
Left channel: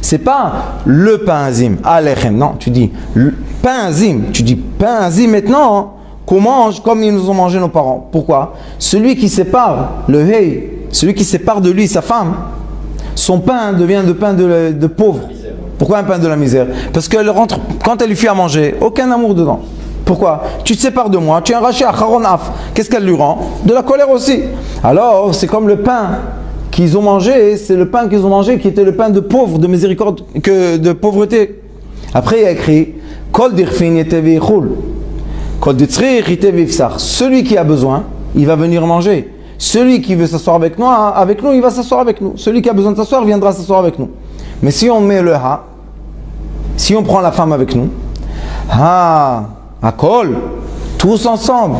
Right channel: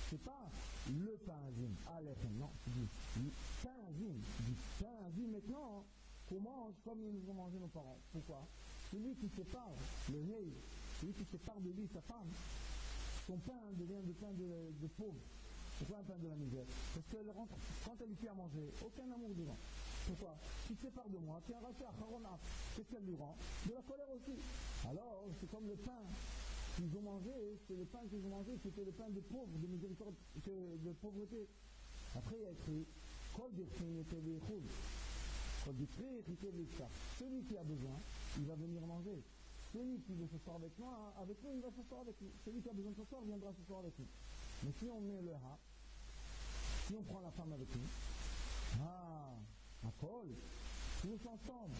C'est pas le pain azim, alechem, non, tu dis le pain azim, tu dis pain azim maintenant qu'on mange comme ils nous ont mangé nos parents. Pourquoi? Celui qui sépare le hey, celui qui sépare de lui sa femme, son pain devient le pain de pauvre. Pourquoi un pain de la misère? Parce qu'elle rentre, quand elle lui fait à manger, aucun amour dedans. Pourquoi? Tu te sépares de moi, tu es un rachat, charonaf. Qu'est-ce qu'elle lui rend? De la colère aussi. Alors, c'est comme le pain qu'ils ont mangé, c'est le pain qu'ils ont mangé qui était le pain de pauvre, de miséricorde, de pauvreté. Après, il y a écrit Kol dirfin yetevi chul. Kol ditzrich yetevi fsar. Celui qui a besoin, il va venir manger. Celui qui veut s'asseoir avec nous, il va s'asseoir avec nous. Celui qui a besoin de s'asseoir, viendra s'asseoir avec nous. Mais si on met le ha, si on prend la femme avec nous, ha, akol, tous ensemble.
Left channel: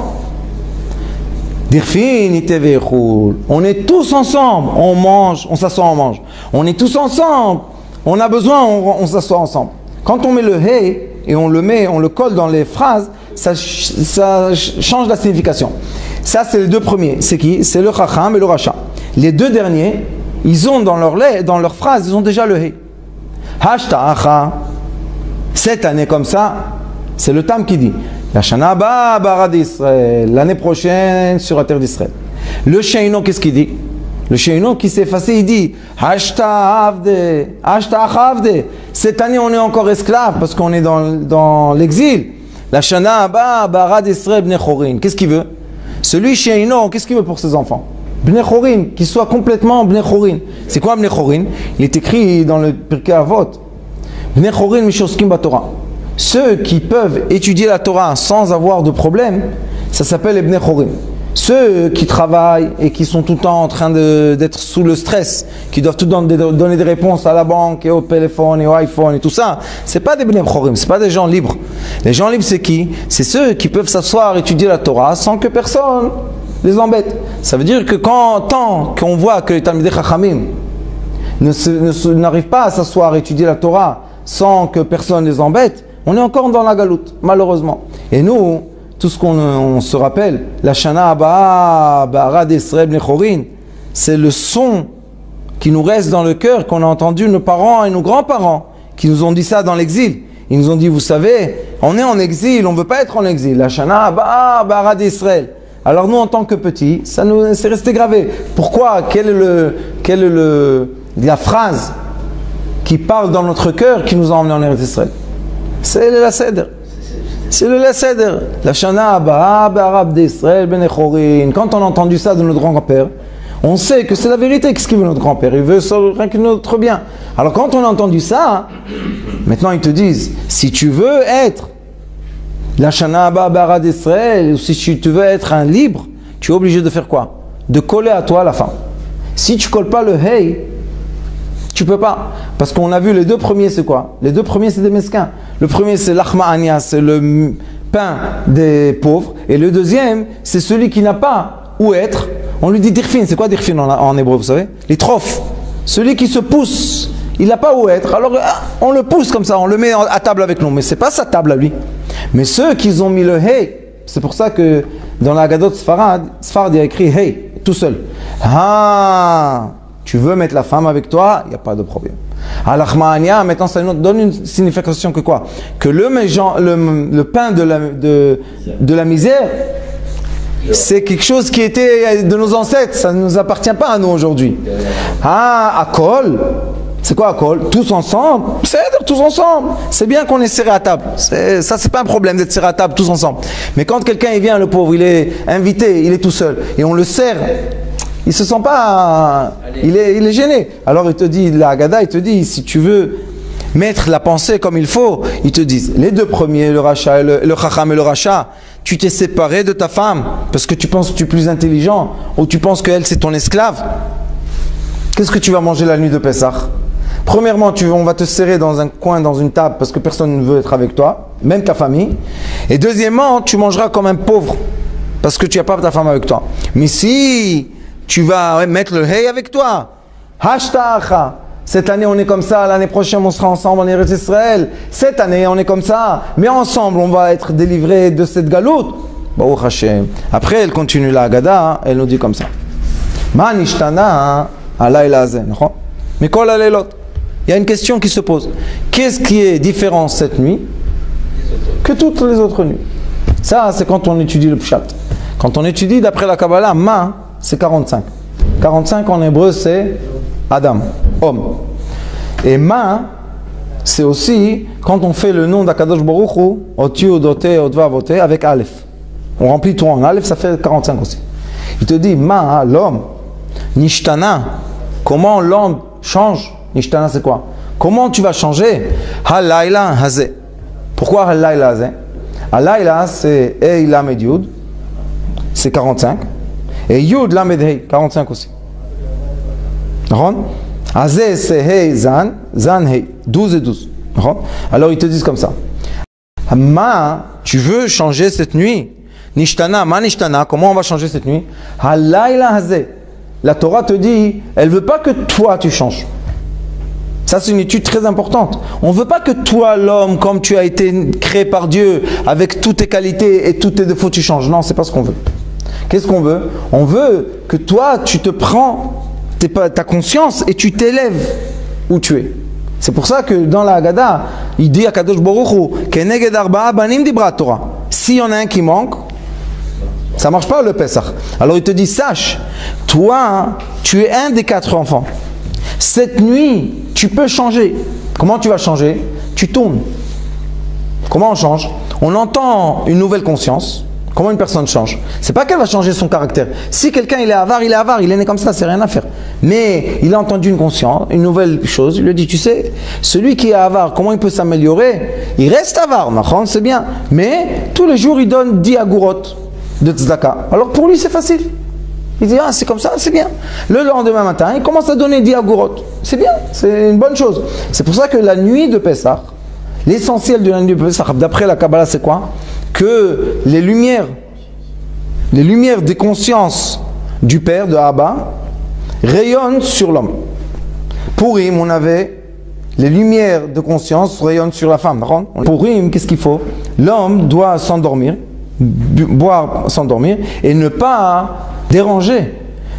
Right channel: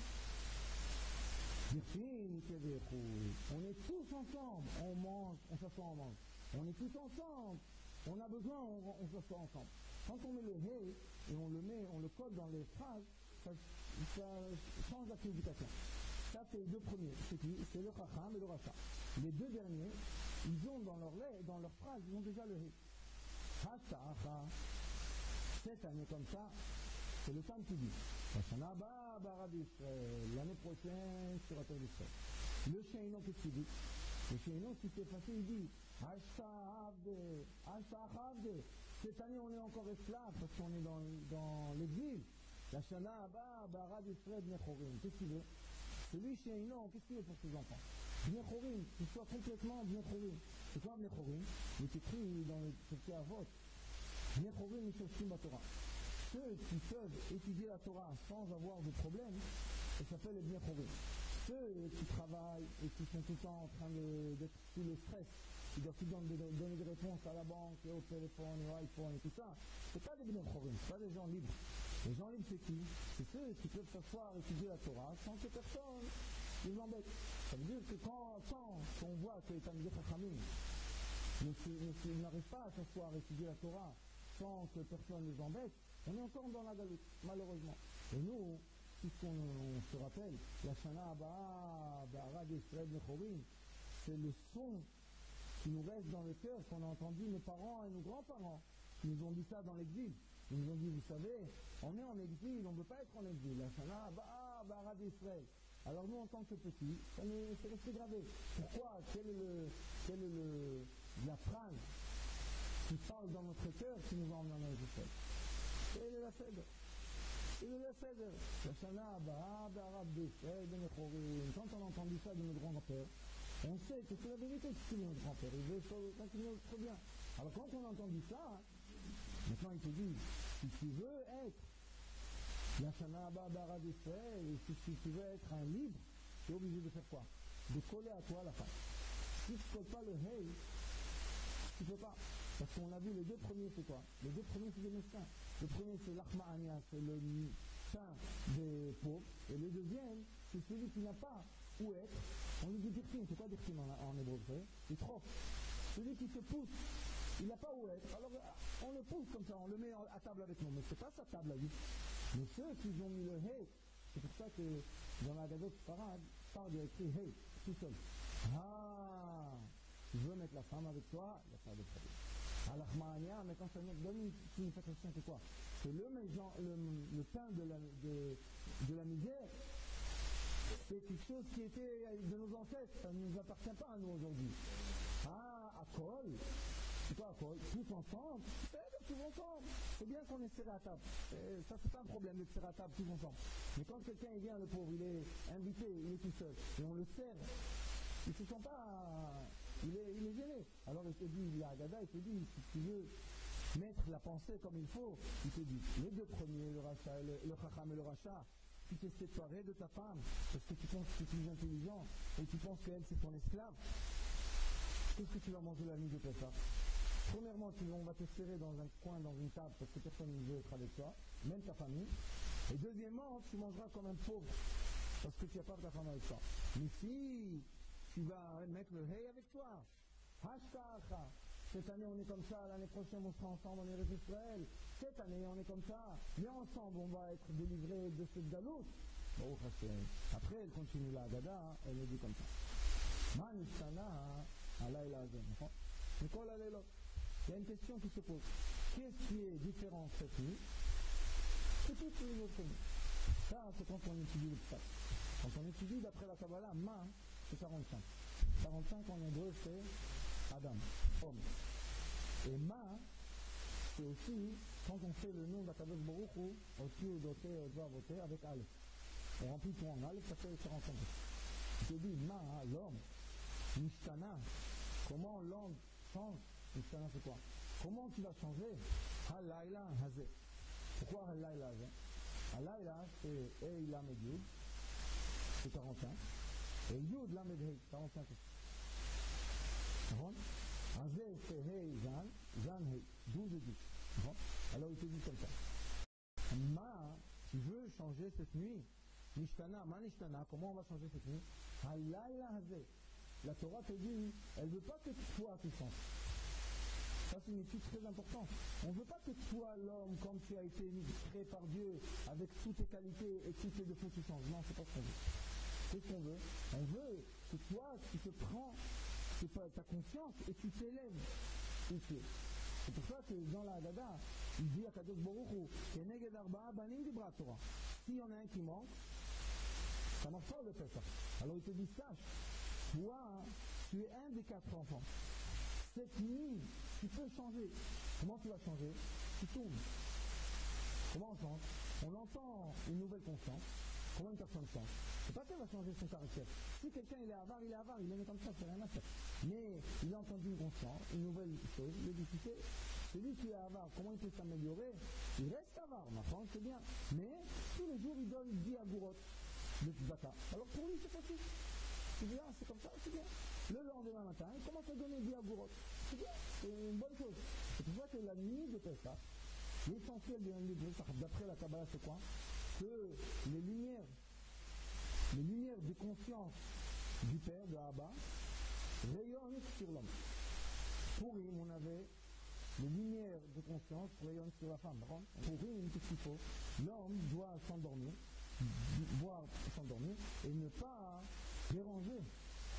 Dirfin yetevi chul. On est tous ensemble, on mange, on s'assoit, on mange. On est tous ensemble, on a besoin, on s'assoit ensemble. Quand on met le hey et on le colle dans les phrases, ça change la signification. Ça, c'est les deux premiers. C'est qui? C'est le chacham et le racha. Les deux derniers, ils ont dans leur phrase, ils ont déjà le hey. Hashta'acha. Cette année comme ça, c'est le Tam qui dit. La Shana Ba Bara d'Israël. L'année prochaine sur la terre d'Israël. Le Sheino, qu'est-ce qu'il dit? Le Sheino qui s'est effacé, il dit Hashta'avde. Hashta'achavde. Cette année, on est encore esclave parce qu'on est dans l'exil. La Shana Ba Bara d'Israël Bnei Chorin. Qu'est-ce qu'il veut? Celui Sheino, qu'est-ce qu'il veut pour ses enfants? Bnei Chorin, qu'il soit complètement Bnei Chorin. C'est quoi Bnei Chorin? Il est écrit dans le Pirkei Avot. Bnei Chorin Mishoskim Batorah. Ceux qui peuvent étudier la Torah sans avoir de problème, ça s'appelle les Bnei Chorin. Ceux qui travaillent et qui sont tout le temps en train d'être sous le stress, qui doivent tout le temps donner des réponses à la banque et au téléphone et au iPhone et tout ça, c'est pas des Bnei Chorim, c'est pas des gens libres. Les gens libres, c'est qui? C'est ceux qui peuvent s'asseoir et étudier la Torah sans que personne les embête. Ça veut dire que tant qu'on voit que les Talmidei Chachamim n'arrivent pas à s'asseoir et étudier la Torah sans que personne les embête, on est encore dans la galoute, malheureusement. Et nous, tout ce qu'on se rappelle, la Shana Abba Bara d'Israël Bnei Chorin, c'est le son qui nous reste dans le cœur, qu'on a entendu nos parents et nos grands-parents, qui nous ont dit ça dans l'exil. Ils nous ont dit, vous savez, on est en exil, on ne veut pas être en exil. La Shana Abba Bara d'Israël. Alors nous, en tant que petits, ça nous c'est resté gravé. Pourquoi? Quelle est la phrase qui parle dans notre cœur qui nous a emmenés en Eretz Israël? C'est le Seder. C'est le Seder. La Shana Abba Bara d'Israël Bnei Chorin. Quand on a entendu ça de notre grand-père, on sait que c'est la vérité. Qu'est-ce qu'il veut notre grand-père? Il veut rien que notre bien. Alors quand on a entendu ça, maintenant ils te disent, si tu veux être la Shana Abba Bara d'Israël, ou si tu veux être un libre, tu es obligé de faire quoi? De coller à toi la femme. Si tu colles pas le hey, tu peux pas. Parce qu'on a vu les deux premiers, c'est quoi? Les deux premiers, c'est des mesquins. Le premier, c'est l'achma ania, c'est le pain des pauvres. Et le deuxième, c'est celui qui n'a pas où être. On lui dit dirfin. C'est quoi dirfin en hébreu, vous savez? Les trophes. Celui qui se pousse, il n'a pas où être. Alors, on le pousse comme ça, on le met à table avec nous. Mais ce n'est pas sa table à lui. Mais ceux qui ont mis le hey, c'est pour ça que dans la Haggadot Sfarad, il y a écrit hey, tout seul. Ah, tu veux mettre la femme avec toi, il n'y a pas de problème. Al-Achma'ania, maintenant ça nous donne une signification que quoi? Que le pain de la misère, c'est quelque chose qui était de nos ancêtres, ça ne nous appartient pas à nous aujourd'hui. Ah, Akol, c'est quoi Akol? Tous ensemble, c'est-à-dire tous ensemble. C'est bien qu'on est serré à table, ça c'est pas un problème d'être serré à table tous ensemble. Mais quand quelqu'un vient, le pauvre, il est invité, il est tout seul, et on le serre, il se sent pas, il est gêné. Alors il te dit, la Haggadah, il te dit, si tu veux mettre la pensée comme il faut, ils te disent, les deux premiers, le Racha, le Chacham et le Racha, tu t'es séparé de ta femme parce que tu penses que tu es plus intelligent ou tu penses qu'elle c'est ton esclave. Qu'est-ce que tu vas manger la nuit de Pessah? Premièrement, on va te serrer dans un coin, dans une table parce que personne ne veut être avec toi, même ta famille. Et deuxièmement, tu mangeras comme un pauvre parce que tu n'as pas ta femme avec toi. Mais si tu vas mettre le hey avec toi, hashta'acha, Cette année, on est comme ça. L'année prochaine, on sera ensemble en Eretz Israël. Cette année, on est comme ça. Mais ensemble, on va être délivrés de cette galoute. Baruch Hashem. Après, elle continue la Haggadah. Elle nous dit comme ça. Ma nishtana alayla hazeh. Mais kol haleilot. Il y a une question qui se pose. Qu'est-ce qui est différent cette nuit que toutes les autres nuits? Ça, c'est quand on étudie le pshat. Quand on étudie d'après la Kabbalah, ma, c'est 45. 45 en hébreu, c'est Adam, homme. Et ma, c'est aussi quand on fait le nom d'Akadosh Baruch Hu, Otiu, Odoté, Odva, Voté, avec Aleph. On remplit tout en Aleph, ça fait 45 aussi. Il te dit, ma, l'homme, nishtana, comment l'homme change? Nishtana, c'est quoi? Comment tu vas changer? Halayla hazeh. Pourquoi halayla hazeh? Halayla, c'est Ei Lamed Yud, c'est 45. Et Yud Lamed Hei, 45 aussi. Hazeh, c'est Hei Zan, Zan Hei, 12 et 12. Alors ils te disent comme ça. Ma, tu veux changer cette nuit? Nishtana, ma nishtana, comment on va changer cette nuit? Halayla hazeh. La Torah te dit, elle ne veut pas que toi tu changes. Ça, c'est une étude très importante. On ne veut pas que toi, l'homme, comme tu as été créé par Dieu, avec toutes tes qualités et tous tes défauts, tu changes. Non, c'est pas ce qu'on veut. Qu'est-ce qu'on veut? On veut que toi, tu te prends ta conscience et tu t'élèves où tu es. C'est pour ça que dans la Haggadah, il dit à Kadosh Baruch Hu, Keneged arba'a banim dibra Torah. S'il y en a un qui manque, ça ne marche pas le Pesach. Alors il te dit, sache, toi, tu es un des 4 enfants. Cette nuit, tu peux changer. Comment tu vas changer? Tu tournes. Comment on change? On entend une nouvelle conscience. Comment une personne change? C'est pas qu'elle va changer son caractère. Si quelqu'un il est avare, il est né comme ça, c'est rien à faire. Mais il a entendu une conscience, une nouvelle chose, il lui dit, tu sais, celui qui est avare, comment il peut s'améliorer? Il reste avare, c'est bien. Mais tous les jours, il donne 10 agurot de tzedaka. Alors pour lui, c'est facile. Il dit, ah, c'est comme ça, c'est bien. Le lendemain matin, il commence à donner 10 agurot. C'est bien, c'est une bonne chose. C'est pour ça que la nuit de Pessah, l'essentiel de la nuit de Pessah, d'après la Kabbalah, c'est quoi? Que les lumières des consciences du Père, de Abba, rayonnent sur l'homme. Pour Purim, on avait les lumières de conscience rayonnent sur la femme. Pour Purim, qu'est-ce qu'il faut? L'homme doit s'endormir, boire, s'endormir, et ne pas déranger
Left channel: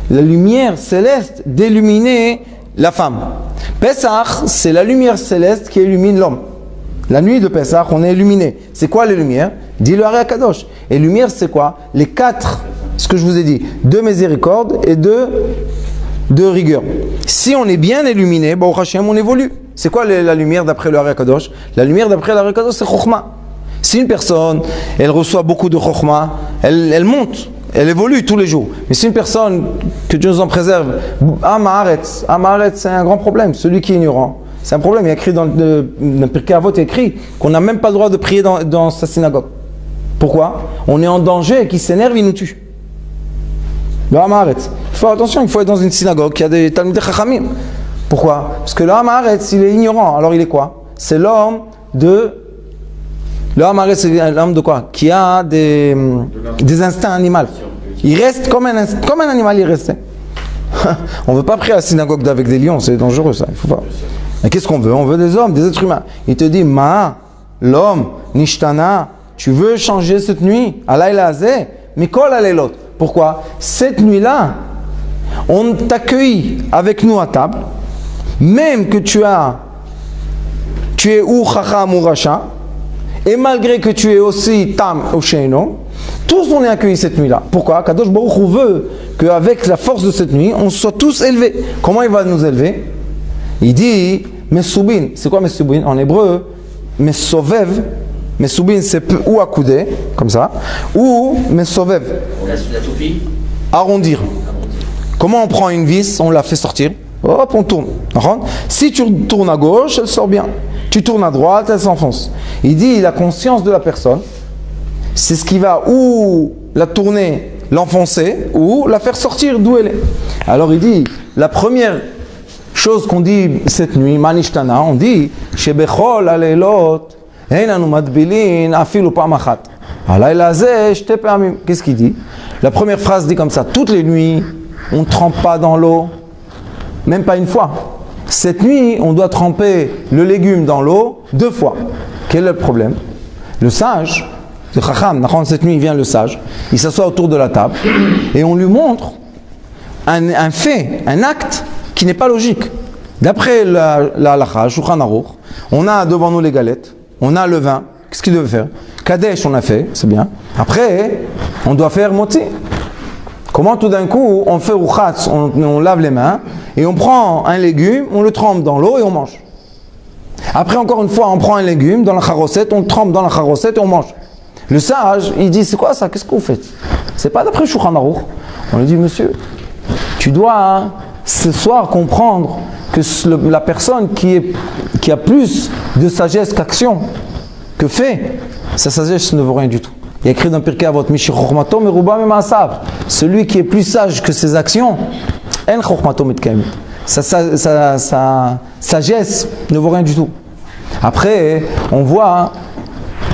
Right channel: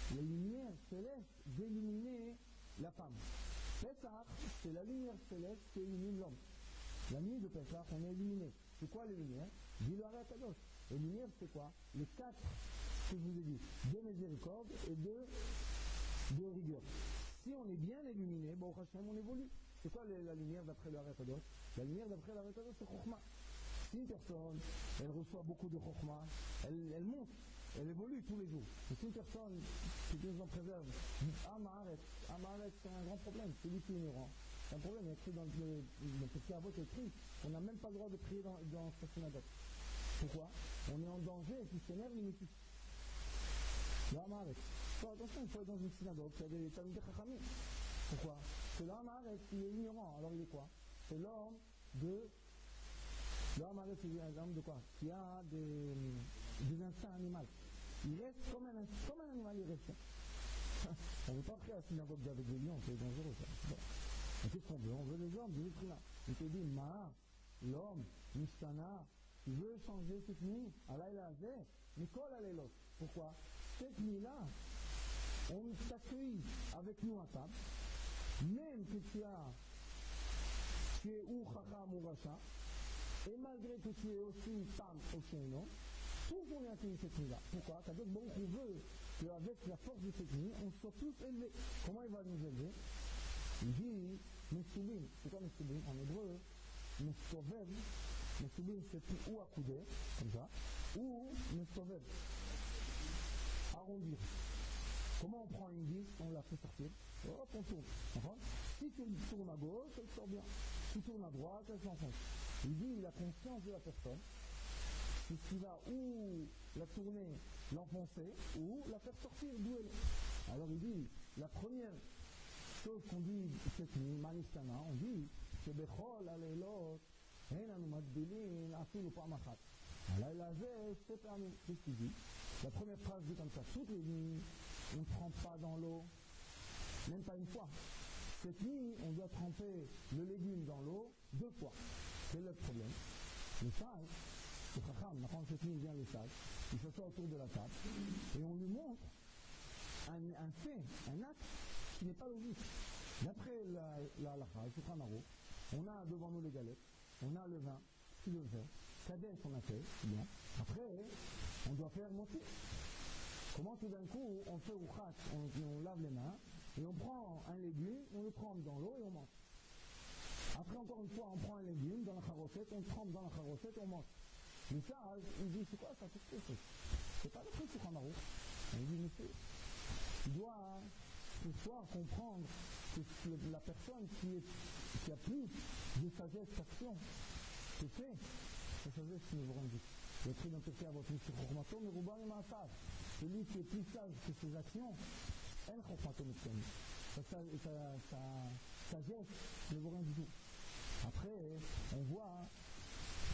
la lumière céleste d'illuminer la femme. Pesach, c'est la lumière céleste qui illumine l'homme. La nuit de Pesach, on est illuminé. C'est quoi les lumières? Dis-le à Kadosh. Et lumière, c'est quoi? Les 4, ce que je vous ai dit, 2 miséricorde et 2 rigueur. Si on est bien illuminé, bon, Hachem, on évolue. C'est quoi la lumière d'après le Kadosh? La lumière d'après le Kadosh, c'est Chokhmah. Si une personne, elle reçoit beaucoup de Chokhmah, elle monte. Elle évolue tous les jours. Mais si une personne, que Dieu nous en préserve, Amaharet, c'est un grand problème. Celui qui est ignorant, c'est un problème. Il y a écrit dans le Pirkei Avot, il y a écrit qu'on n'a même pas le droit de prier dans sa synagogue. Pourquoi? On est en danger et qu'il s'énerve, il nous tue. Le Amaharet. Il faut attention, il faut être dans une synagogue qui a des Talmidei Chachamim. Pourquoi? Parce que le Amaharet, il est ignorant. Alors il est quoi? C'est l'homme de... Le Amaharet, c'est l'homme de quoi? Qui a des instincts animaux. Il reste comme un animal, il reste. On ne veut pas prier à la synagogue avec des lions, c'est dangereux ça. Il faut pas. Mais qu'est-ce qu'on veut? On veut des hommes, des êtres humains. Il te dit, Ma, l'homme, Nishtana, tu veux changer cette nuit? Alayla hazeh, mikol haleilot. Pourquoi? Cette nuit-là, on t'accueille avec nous à table, même que tu es ou chacham ou racha, et malgré que tu es aussi tam ou sheino, tous on est accueillis cette nuit-là. Pourquoi? Kadosh Baruch Hu veut qu'avec la force de cette nuit, on soit tous élevés. Comment il va nous élever? Il dit Mesubin. C'est quoi Mesubin? En hébreu, Mesovev. Mesubin, c'est ou accoudé, comme ça, ou Mesovev. La toupie. Arrondir. Comment on prend une vis, on la fait sortir, hop, on tourne. Si tu tournes à gauche, elle sort bien. Tu tournes à droite, elle s'enfonce. Il dit la conscience de la personne, c'est ce qui va ou la tourner, l'enfoncer, ou la faire sortir d'où elle est. Alors il dit, la première chose qu'on dit cette nuit, Manishtana, on dit, Shebechol aleilot, Einanu madbilin afilu pam achat. Alayla hazeh shte pamim. Qu'est-ce qu'il dit? La première phrase dit comme ça, toutes les nuits, on ne trempe pas dans l'eau, même pas une fois. cette nuit, on doit tremper le légume dans l'eau 2 fois. Quel est le problème? Le sage, le chacham, cette nuit, il vient le sage, il s'assoit autour de la table et on lui montre un fait, un acte qui n'est pas logique. D'après la halakha, Shulchan Aruch, on a devant nous les galettes, on a le vin. Qu'est-ce qu'il devait faire? Kadesh, on a fait, c'est bien. Après, on doit faire moti. Comment tout d'un coup, on fait rouchatz, on lave les mains, et on prend un légume, on le trempe dans l'eau et on mange. Après, encore une fois, on prend un légume dans la charossette, on le trempe dans la charossette et on mange. Le sage, il dit, c'est quoi ça? Qu'est-ce que vous faites? C'est pas d'après Shulchan Aruch. On lui dit, monsieur, tu dois ce soir comprendre que la personne qui a plus de sagesse qu'action, que fait, sa sagesse ne vaut rien du tout. Il y a écrit dans Pirkei Avot, Mishi Chochmato meruba memasav. Celui qui est plus sage que ses actions, en Chochmato mitkaim. Sa sagesse ne vaut rien du tout. Après, on voit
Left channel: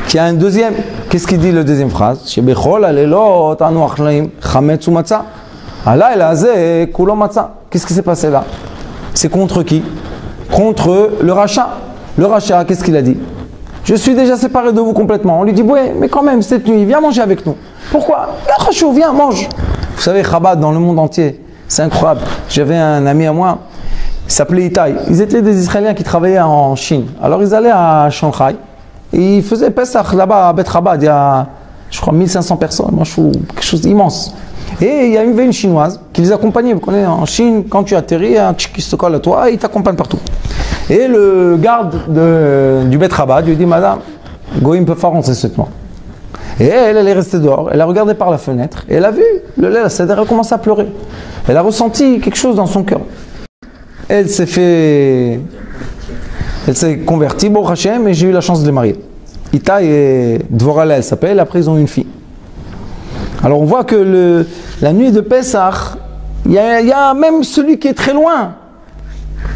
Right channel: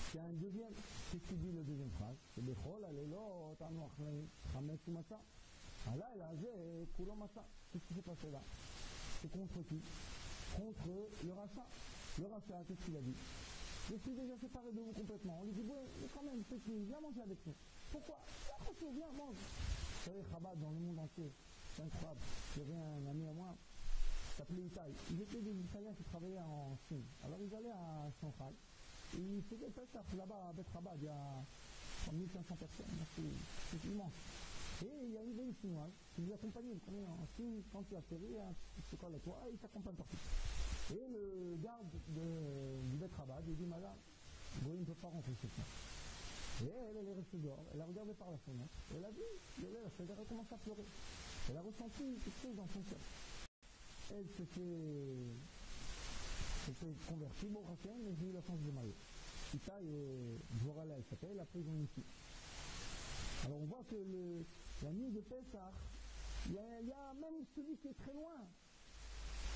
qu'il y a un deuxième. Qu'est-ce qu'il dit le deuxième phrase? Shebechol alelot anu achlaim chametz umatza. Alayla hazeh kulo matza. Qu'est-ce qui s'est passé là? C'est contre qui? Contre le rachat. Le rachat, qu'est-ce qu'il a dit? Je suis déjà séparé de vous complètement. On lui dit, ouais, mais quand même, cette nuit, viens manger avec nous. Pourquoi? Viens, mange. Vous savez, Chabad, dans le monde entier, c'est incroyable. J'avais un ami à moi, il s'appelait Itaï. Ils étaient des Israéliens qui travaillaient en Chine. Alors, ils allaient à Shanghai. Et ils faisaient Pesach là-bas à Bet Chabad. Il y a, je crois, 1500 personnes. Moi, je trouve quelque chose d'immense. Et il y avait une Chinoise qui les accompagnait. Vous connaissez, en Chine, quand tu atterris, un tchik qui se colle à toi, il t'accompagne partout. Et le garde du Bet Chabad lui dit, madame, Goïm peut pas rentrer cette nuit. Et elle est restée dehors, elle a regardé par la fenêtre, et elle a vu le lait, elle a commencé à pleurer. Elle a ressenti quelque chose dans son cœur. Elle s'est convertie, bon Hachem, et j'ai eu la chance de les marier. Ita et Dvorala, elle s'appelle, après ils ont une fille. Alors on voit que la nuit de Pessah, il y a même celui qui est très loin,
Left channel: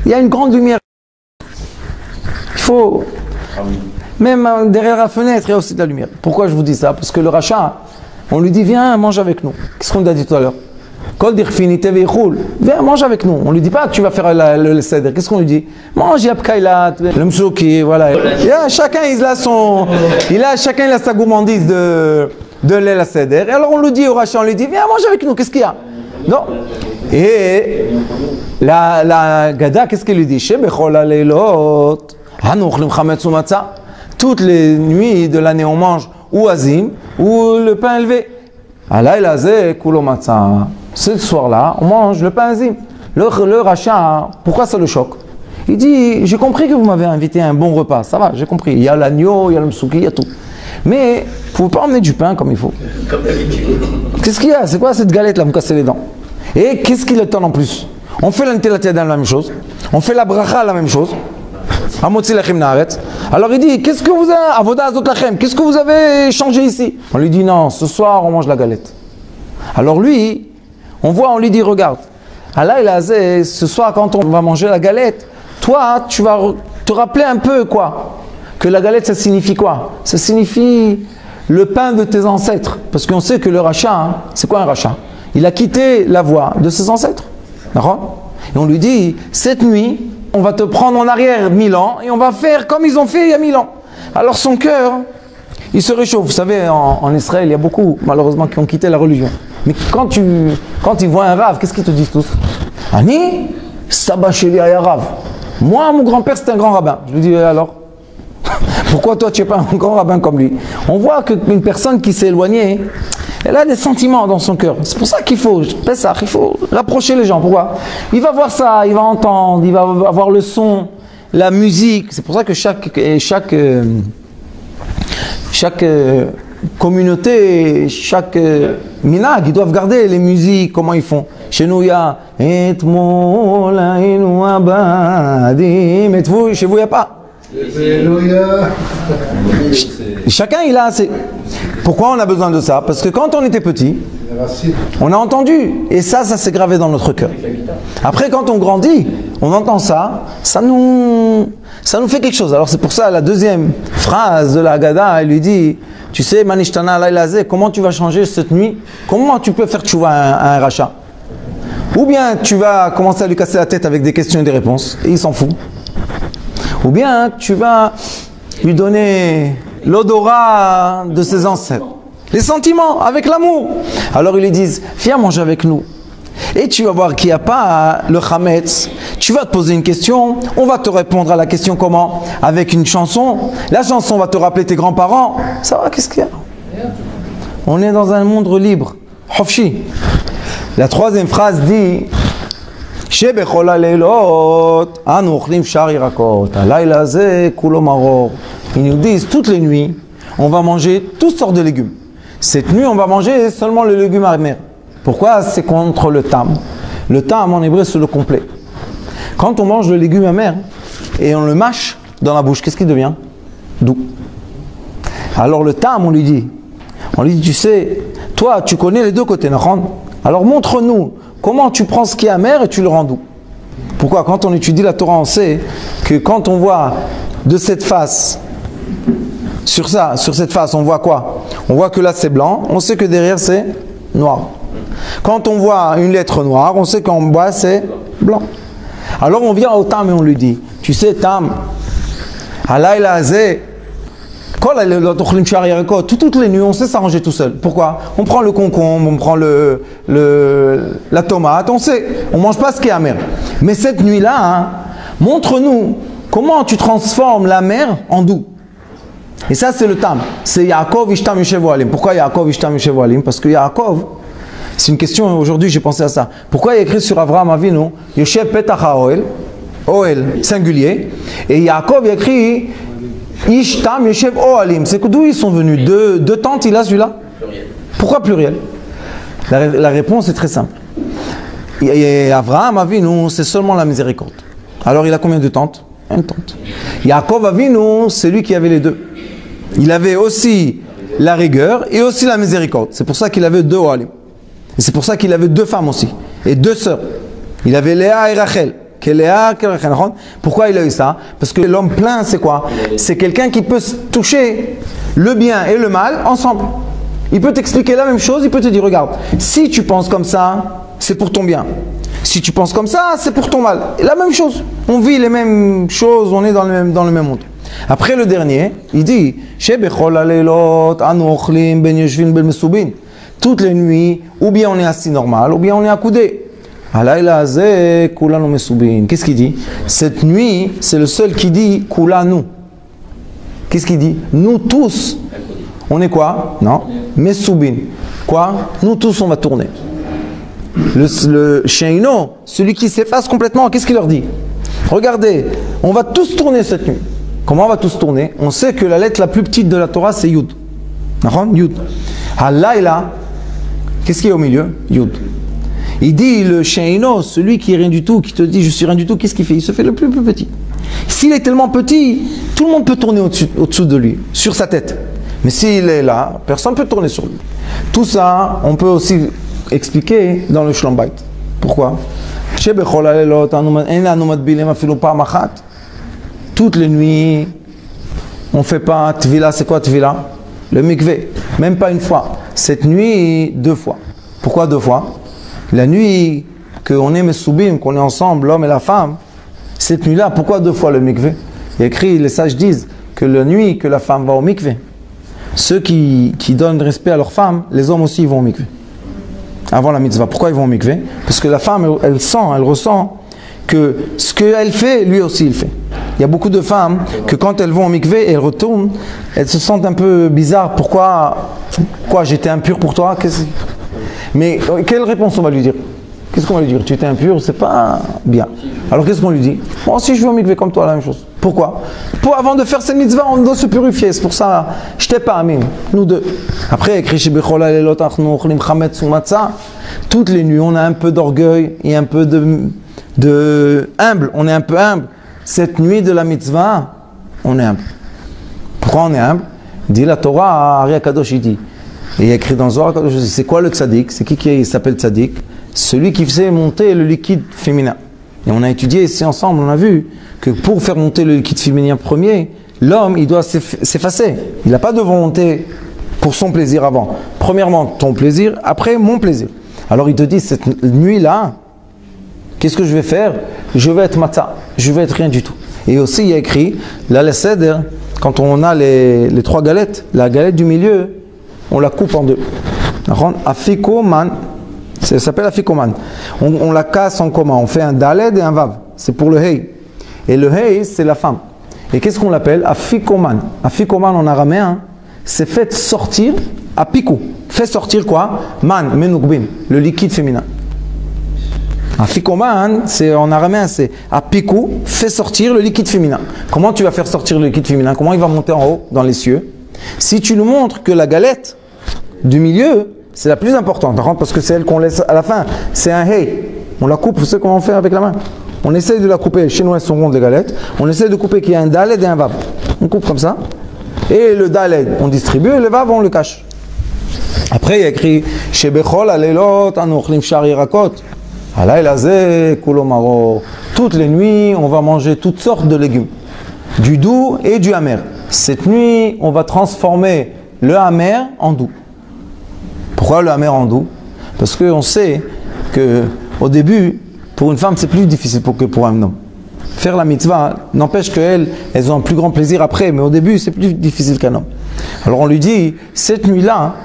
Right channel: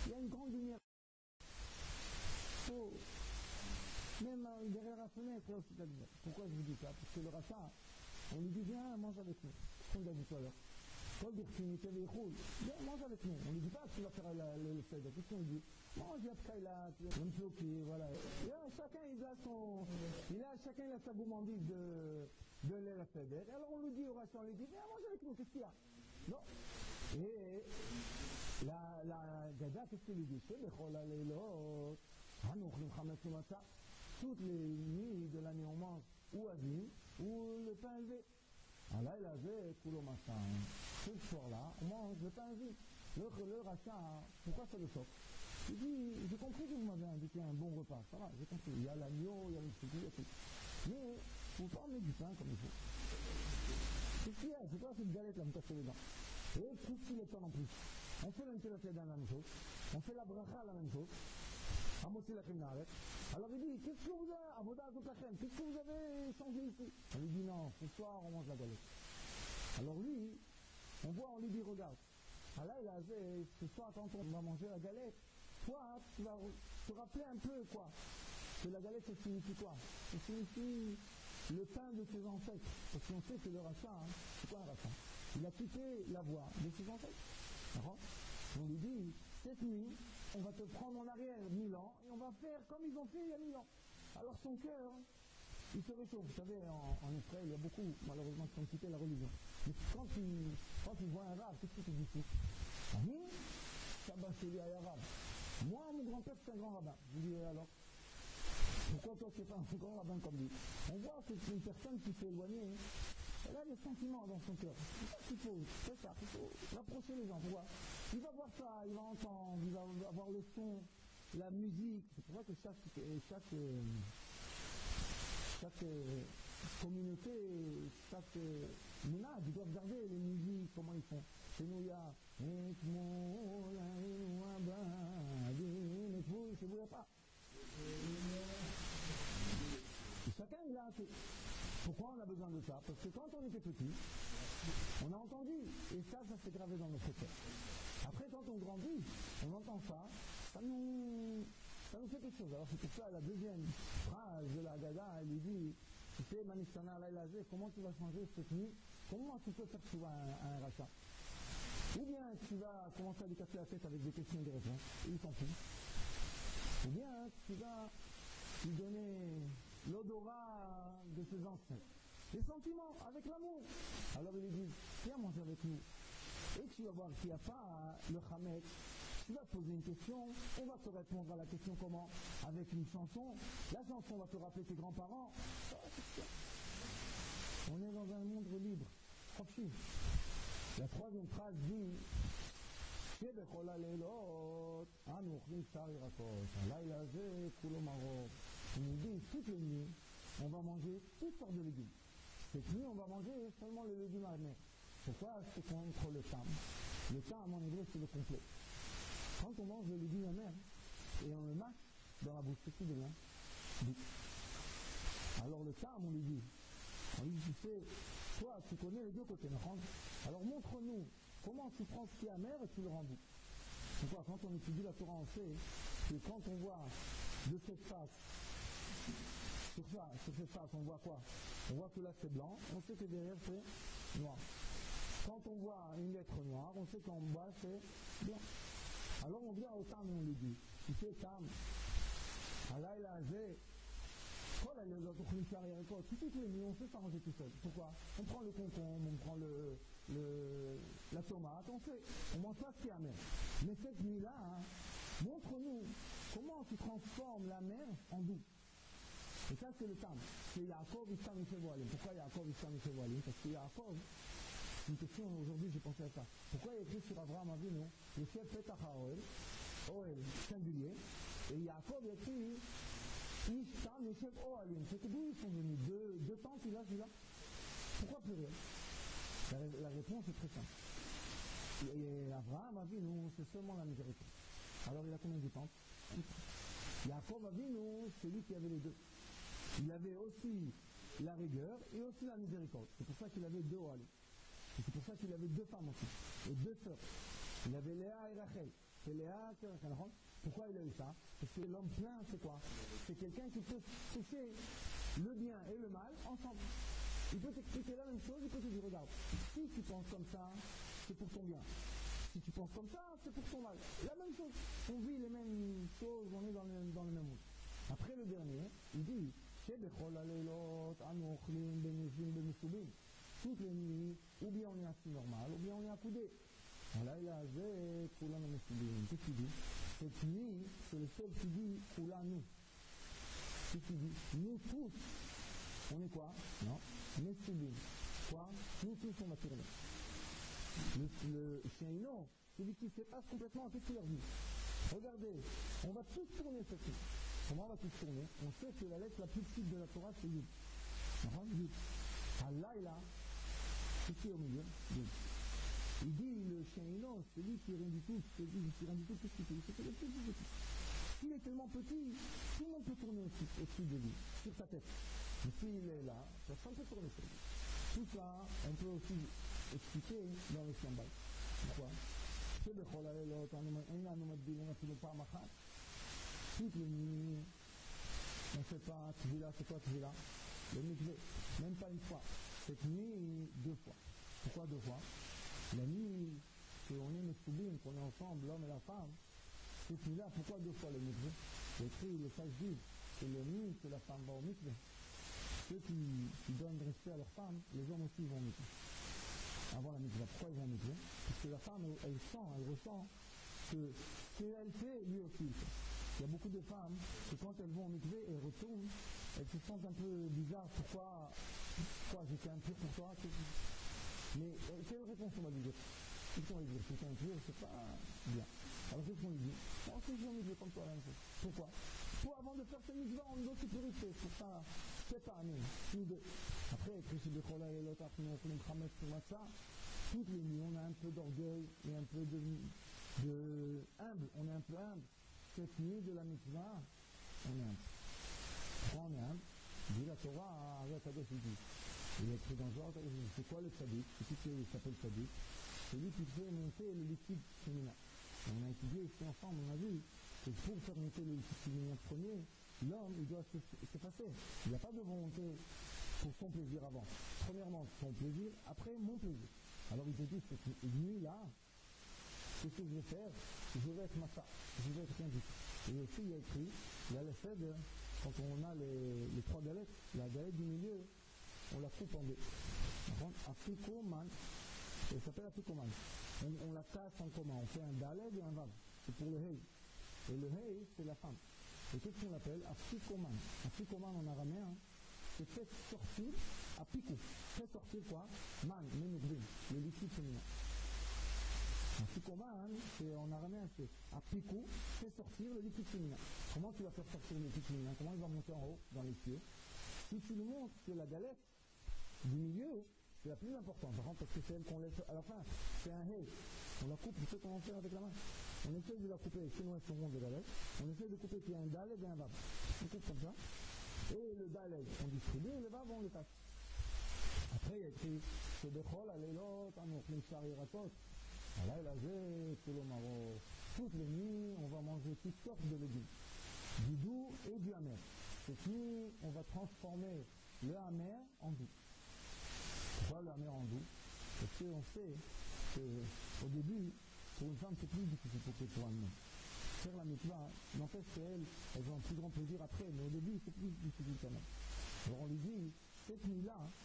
il y a une grande lumière. Il faut, même derrière la fenêtre, il y a aussi de la lumière. Pourquoi je vous dis ça? Parce que le rachat, on lui dit, viens, mange avec nous. Qu'est-ce qu'on a dit tout à l'heure? Viens, mange avec nous. On lui dit pas que tu vas faire le seder. Qu'est-ce qu'on lui dit? Mange yapkailat, le msouki, voilà. Chacun il a sa gourmandise de lait la seder. Et alors on lui dit au rachat, on lui dit, viens, mange avec nous. Qu'est-ce qu'il y a? Non. Et la Gada, qu'est-ce qu'elle lui dit? Toutes les nuits de l'année, on mange ou azim ou le pain élevé. Ce soir-là, on mange le pain azim. Le rachat, pourquoi ça le choque? Il dit, j'ai compris que vous m'avez invité à un bon repas. Ça va, j'ai compris. Il y a l'agneau, il y a le msouki, il y a tout. Mais vous ne pouvez pas emmener du pain comme il faut. Qu'est-ce qu'il y a? C'est quoi cette galette là, vous me cassez les dents? Et qu'est-ce qu'il attend en plus? On fait l'antelatia la même chose. On fait la bracha la même chose. Alors il dit, qu'est-ce que vous avez, avoda azot lachem, qu'est-ce que vous avez changé ici? On lui dit, non, ce soir on mange la galette. Alors lui, on lui dit, regarde, ce soir quand on va manger la galette, toi tu vas te rappeler un peu quoi? Que la galette ça signifie quoi? Ça signifie le pain de tes ancêtres. Parce qu'on sait que le rachat, c'est quoi un rachat? Il a quitté la voie de ses ancêtres. D'accord? Et on lui dit, cette nuit, on va te prendre en arrière 1000 ans et on va faire comme ils ont fait il y a 1000 ans. Alors son cœur, il se réchauffe. Vous savez, en Israël, il y a beaucoup, malheureusement, qui ont quitté la religion. Mais quand ils voient un rave, qu'est-ce qu'ils te disent tous? Ani, Saba Sheli Aya Rav. Moi, mon grand-père, c'était un grand rabbin. Je lui dis, alors pourquoi toi, tu n'es pas un grand rabbin comme lui? On voit qu'une personne qui s'est éloignée, elle a des sentiments dans son cœur. C'est pour ça qu'il faut rapprocher les gens. Pourquoi? Il va voir ça, il va entendre, il va avoir le son, la musique. C'est pour ça que chaque communauté, chaque minag, ils doivent garder les musiques, comment ils font. Chez nous, il y a chez vous, il n'y a pas. Chacun il a assez. Pourquoi on a besoin de ça? Parce que quand on était petit, on a entendu et ça s'est gravé dans notre cœur. Après quand on grandit, on entend ça, ça nous fait quelque chose. Alors c'est pour ça la deuxième phrase de la Haggadah, elle lui dit, tu sais Manishtana Lailazé, comment tu vas changer cette nuit? Comment tu peux faire tchouva à un rachat? Ou bien tu vas commencer à lui casser la tête avec des questions et des réponses, et il s'en fout. Ou bien tu vas lui donner l'odorat de ses ancêtres. Les sentiments, avec l'amour. Alors ils lui disent, viens manger avec nous. Et tu vas voir qu'il n'y a pas le chametz. Tu vas te poser une question, on va te répondre à la question comment? Avec une chanson. La chanson va te rappeler tes grands-parents. Ça va, qu'est-ce qu'il y a? On est dans un monde libre. Hofshi. La troisième phrase dit Shebechol haleilot anu ochlim shar yirakot halayla ze kulo maror. Ils nous disent toutes les nuits, on va manger toutes sortes de légumes. Cette nuit, on va manger seulement le légume amer. Pourquoi? C'est contre le tam. Le tam en hébreu, c'est le complet. Quand on mange le légume amer et on le mâche dans la bouche, qu'est-ce qui devient? Doux. Alors le tam, on lui dit, tu sais, toi, tu connais les deux côtés, alors montre-nous comment tu prends ce qui est amer et tu le rends doux. Pourquoi? Quand on étudie la Torah, on sait que quand on voit de cette face, sur cette face, on voit quoi? On voit que là c'est blanc, on sait que derrière c'est noir. Quand on voit une lettre noire, on sait qu'en bas c'est blanc. Alors on vient au Tam et on lui dit, tu sais Tam, halayla azeh, toutes les nuits, on sait s'arranger tout seul. Pourquoi? On prend le concombre, on prend la tomate, on sait, on ne mange pas ce qui est amer. Mais cette nuit-là, montre-nous comment tu transformes l'amer en doux. Et ça, c'est le Tam. C'est Yaakov Ishtam Yoshev Ohalim. Pourquoi Yaakov Ishtam Yoshev Ohalim? Parce que Yaakov, c'est une question, aujourd'hui j'ai pensé à ça. Pourquoi il y a écrit sur Avraham Avinu, Yoshev Petach HaOhel, Ohel, singulier, et Yaakov il a écrit Ishtam Yoshev Ohalim. C'est d'où ils sont venus? Deux tentes, il a celui-là? Pluriel. Pourquoi pluriel? La réponse est très simple. Et Avraham Avinu, c'est seulement la miséricorde. Alors il a combien de tentes? Une tente. Yaakov Avinu, c'est lui qui avait les deux. Il avait aussi la rigueur et aussi la miséricorde. C'est pour ça qu'il avait deux Ohalim. Et c'est pour ça qu'il avait deux femmes aussi. Et deux sœurs. Il avait Léa et Rachel. Pourquoi il a eu ça? Parce que l'homme plein, c'est quoi? C'est quelqu'un qui peut toucher le bien et le mal ensemble. Il peut t'expliquer la même chose, il peut te dire, regarde, si tu penses comme ça, c'est pour ton bien. Si tu penses comme ça, c'est pour ton mal. Et la même chose. On vit les mêmes choses, on est dans le même monde. Après le dernier, il dit toutes les nuits, ou bien on est assis normal, ou bien on est accoudé. Qu'est-ce qu'il dit? Cette nuit, c'est le seul qui dit Kulanu. Qu'est-ce qu'il dit? Nous tous. On est quoi? Non. Mesoubin. Quoi? Nous tous, on va tourner. Le Sheino, celui qui s'efface complètement, qu'est-ce qu'il leur dit? Regardez, on va tous tourner cette nuit. Comment on va tous tourner? On sait que la lettre la plus petite de la Torah, c'est Yud. Yud. Halayla, qu'est-ce qu'il y a au milieu? Yud. Il dit le Sheino, celui qui est rien du tout, qui te dit je suis rien du tout, qu'est-ce qu'il fait? Il se fait le plus petit. S'il est tellement petit, tout le monde peut tourner au-dessous de lui, sur sa tête. Mais s'il est là, personne ne peut tourner sur lui. Tout ça, on peut aussi expliquer dans le Shlom Bayit. Pourquoi? Toutes les nuits, on ne fait pas Tvila. C'est quoi Tvila? Le mikvé. Même pas une fois. Cette nuit, 2 fois. Pourquoi 2 fois? La nuit qu'on est Mesoubim, qu'on est ensemble, l'homme et la femme, cette nuit-là, pourquoi 2 fois le mikvé? Il y a écrit, les sages disent que la nuit que la femme va au mikvé, ceux qui donnent respect à leur femme, les hommes aussi ils vont au mikvé. Avant la mitzvah. Pourquoi ils vont au mikvé? Parce que la femme, elle ressent que ce qu'elle fait, lui aussi il fait. Il y a beaucoup de femmes que quand elles vont au mikvé et elles retournent, elles se sentent un peu bizarres. Pourquoi j'étais impur pour toi? Mais quelle réponse on va lui dire? Qu'est-ce qu'on va lui dire? Tu étais impur, c'est pas bien. Alors qu'est-ce qu'on lui dit? Moi aussi je vais au mikvé comme toi, la même chose. Pourquoi? Avant de faire cette mitzvah, on doit se purifier. C'est pour ça, je t'ai pas amin. Nous deux. Après, toutes les nuits, on a un peu d'orgueil et un peu de humble. On est un peu humble. Cette nuit de la mitzvah, on est humble. Pourquoi on est humble? Dit la Torah, Ari Akadosh, il dit. Et il y a écrit dans Zohar Akadosh, c'est quoi le tzaddik? C'est qui s'appelle tzaddik? Celui qui faisait monter le liquide féminin. Et on a étudié ici ensemble, on a vu que pour faire monter le liquide féminin premier, l'homme, il doit s'effacer. Il n'a pas de volonté pour son plaisir avant. Premièrement, ton plaisir, après mon plaisir. Alors il te dit, cette nuit-là, Qu'est-ce que je vais faire? Je vais être matzah, je vais être rien du tout. Et aussi, il y a écrit, là, le seder, quand on a les 3 galettes, la galette du milieu, on la coupe en 2. Afikoman, ça s'appelle afikoman. On la casse en comment? On fait un daled et un vav. C'est pour le hei. Et le hei, c'est la femme. Et qu'est-ce qu'on l'appelle? Afikoman. Afikoman en araméen, c'est fait sortir, apikou. Fait sortir quoi? Man, menukbin, le liquide féminin. Afikoman, c'est en araméen, c'est apikou, fait sortir le liquide féminin. Comment tu vas faire sortir le liquide féminin? Comment il va monter en haut, dans les cieux? Si tu nous montres que la galette du milieu, c'est la plus importante, parce que c'est elle qu'on laisse à la fin. C'est un hei. On la coupe, vous savez comment on fait avec la main? On essaye de la couper, chez nous elles sont rondes les galettes. On essaye de couper qu'il y a un daled et un vav. On coupe comme ça. Et le daled, on distribue, et le vav, on le cache. Après, il y a écrit chez Bechol, Alelot, Anochlim Shar Yirakot. Toutes les nuits, on va manger toutes sortes de légumes, du doux et du amer. Cette nuit, on va transformer le amer en doux. Pourquoi le amer en doux? Parce qu'on sait qu'au début, pour une femme, c'est plus difficile que pour un homme. Faire la mitzvah n'empêche qu'elles ont un plus grand plaisir après, mais au début, c'est plus difficile qu'un homme. Alors on lui dit, cette nuit-là,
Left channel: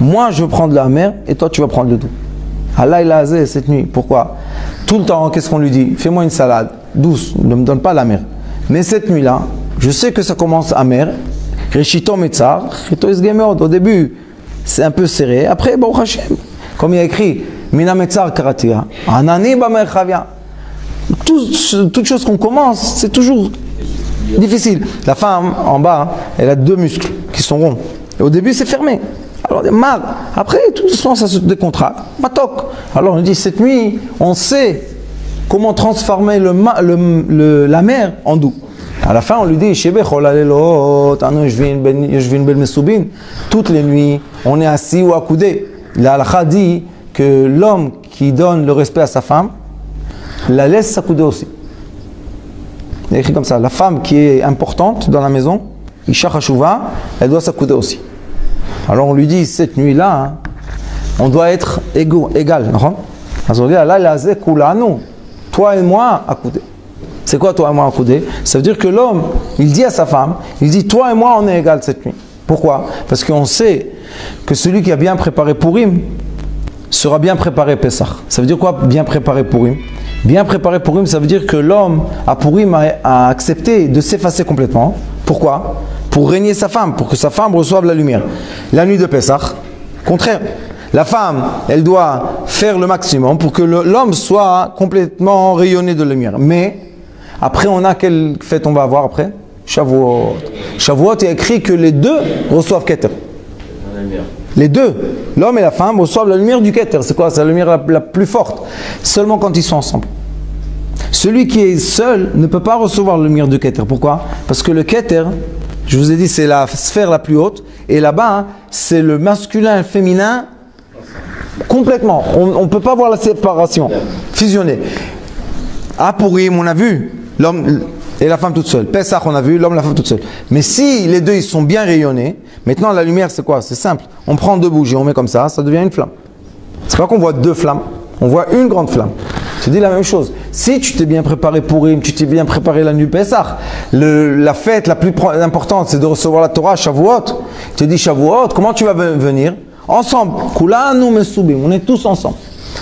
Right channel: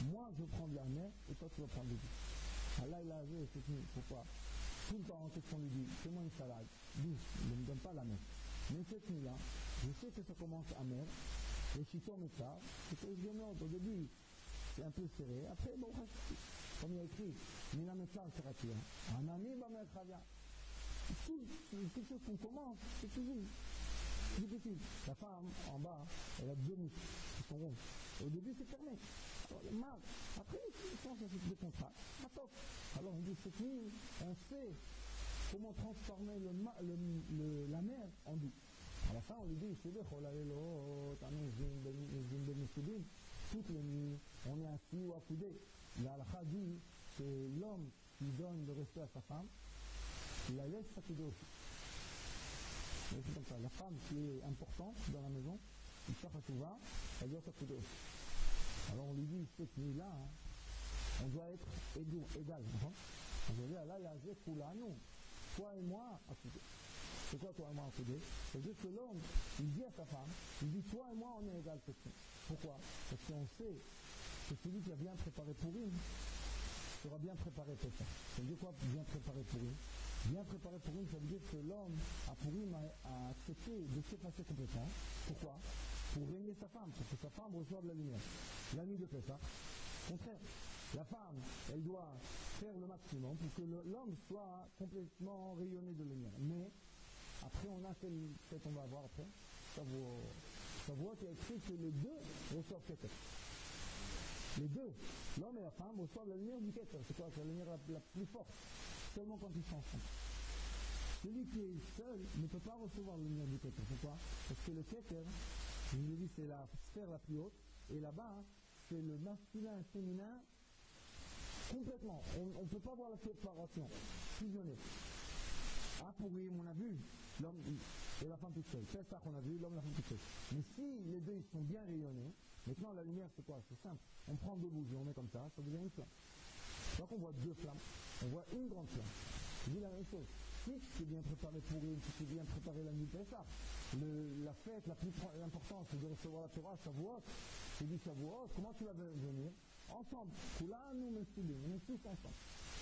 moi je vais prendre le amer et toi tu vas prendre le doux. Allah il a azé cette nuit. Pourquoi? Tout le temps, qu'est-ce qu'on lui dit? Fais-moi une salade douce, ne me donne pas la mer. Mais cette nuit-là, je sais que ça commence amer. Reshito metzar, reshito isgemeod. Au début, c'est un peu serré. Après, Baruch Hashem, comme il y a écrit, mina metzar karatia, anani bamer chavia. Toute chose qu'on commence, c'est toujours difficile. La femme, en bas, elle a 2 muscles qui sont ronds. Et au début, c'est fermé. Alors, mal. Après, tout doucement, ça se décontracte. Matok. Alors, on dit, cette nuit, on sait comment transformer la mer en doux. À la fin, on lui dit, toutes les nuits, on est assis ou accoudé. La halakha dit que l'homme qui donne le respect à sa femme, la laisse s'accouder aussi. Il est écrit comme ça, la femme qui est importante dans la maison, Isha Chashuva, elle doit s'accouder aussi. Alors on lui dit, cette nuit-là, on doit être égal. Toi et moi, accoudés. C'est quoi toi et moi accoudés? Ça veut dire que l'homme, il dit à sa femme, il dit, toi et moi, on est égal cette nuit. Pourquoi? Parce qu'on sait que celui qui a bien préparé Purim sera bien préparé Pessah. Ça veut dire quoi, bien préparé Purim? Bien préparé Purim, ça veut dire que l'homme à Purim a accepté de s'effacer complètement. Pourquoi? Pour régner sa femme, pour que sa femme reçoive la lumière. La nuit de Pessah, contraire. La femme, elle doit faire le maximum pour que l'homme soit complètement rayonné de lumière. Mais, après, on a quelle fête on va avoir après? Shavuot. Shavuot, il y a écrit que les 2 reçoivent Keter. Les 2, l'homme et la femme, reçoivent la lumière du Keter. C'est quoi? C'est la lumière la plus forte. Seulement quand ils sont ensemble. Celui qui est seul ne peut pas recevoir la lumière du Keter. Pourquoi? Parce que le Keter, je vous ai dit, c'est la sphère la plus haute. Et là-bas, c'est le masculin et le féminin complètement. On ne peut pas voir la séparation, fusionner. À Purim, on a vu l'homme et la femme toute seule. Pessah, on a vu l'homme et la femme toute seule. Mais si les 2 ils sont bien rayonnés, maintenant la lumière c'est quoi? C'est simple. On prend 2 bougies, on met comme ça devient une flamme. C'est pas qu'on voit 2 flammes, on voit une grande flamme. Je te dis la même chose. Si tu t'es bien préparé pour Purim, tu t'es bien préparé la nuit Pessah, la fête la plus importante c'est de recevoir la Torah, Shavuot. Tu te dis Shavuot, comment tu vas venir? Ensemble. Kulanu mesubim, on est tous ensemble.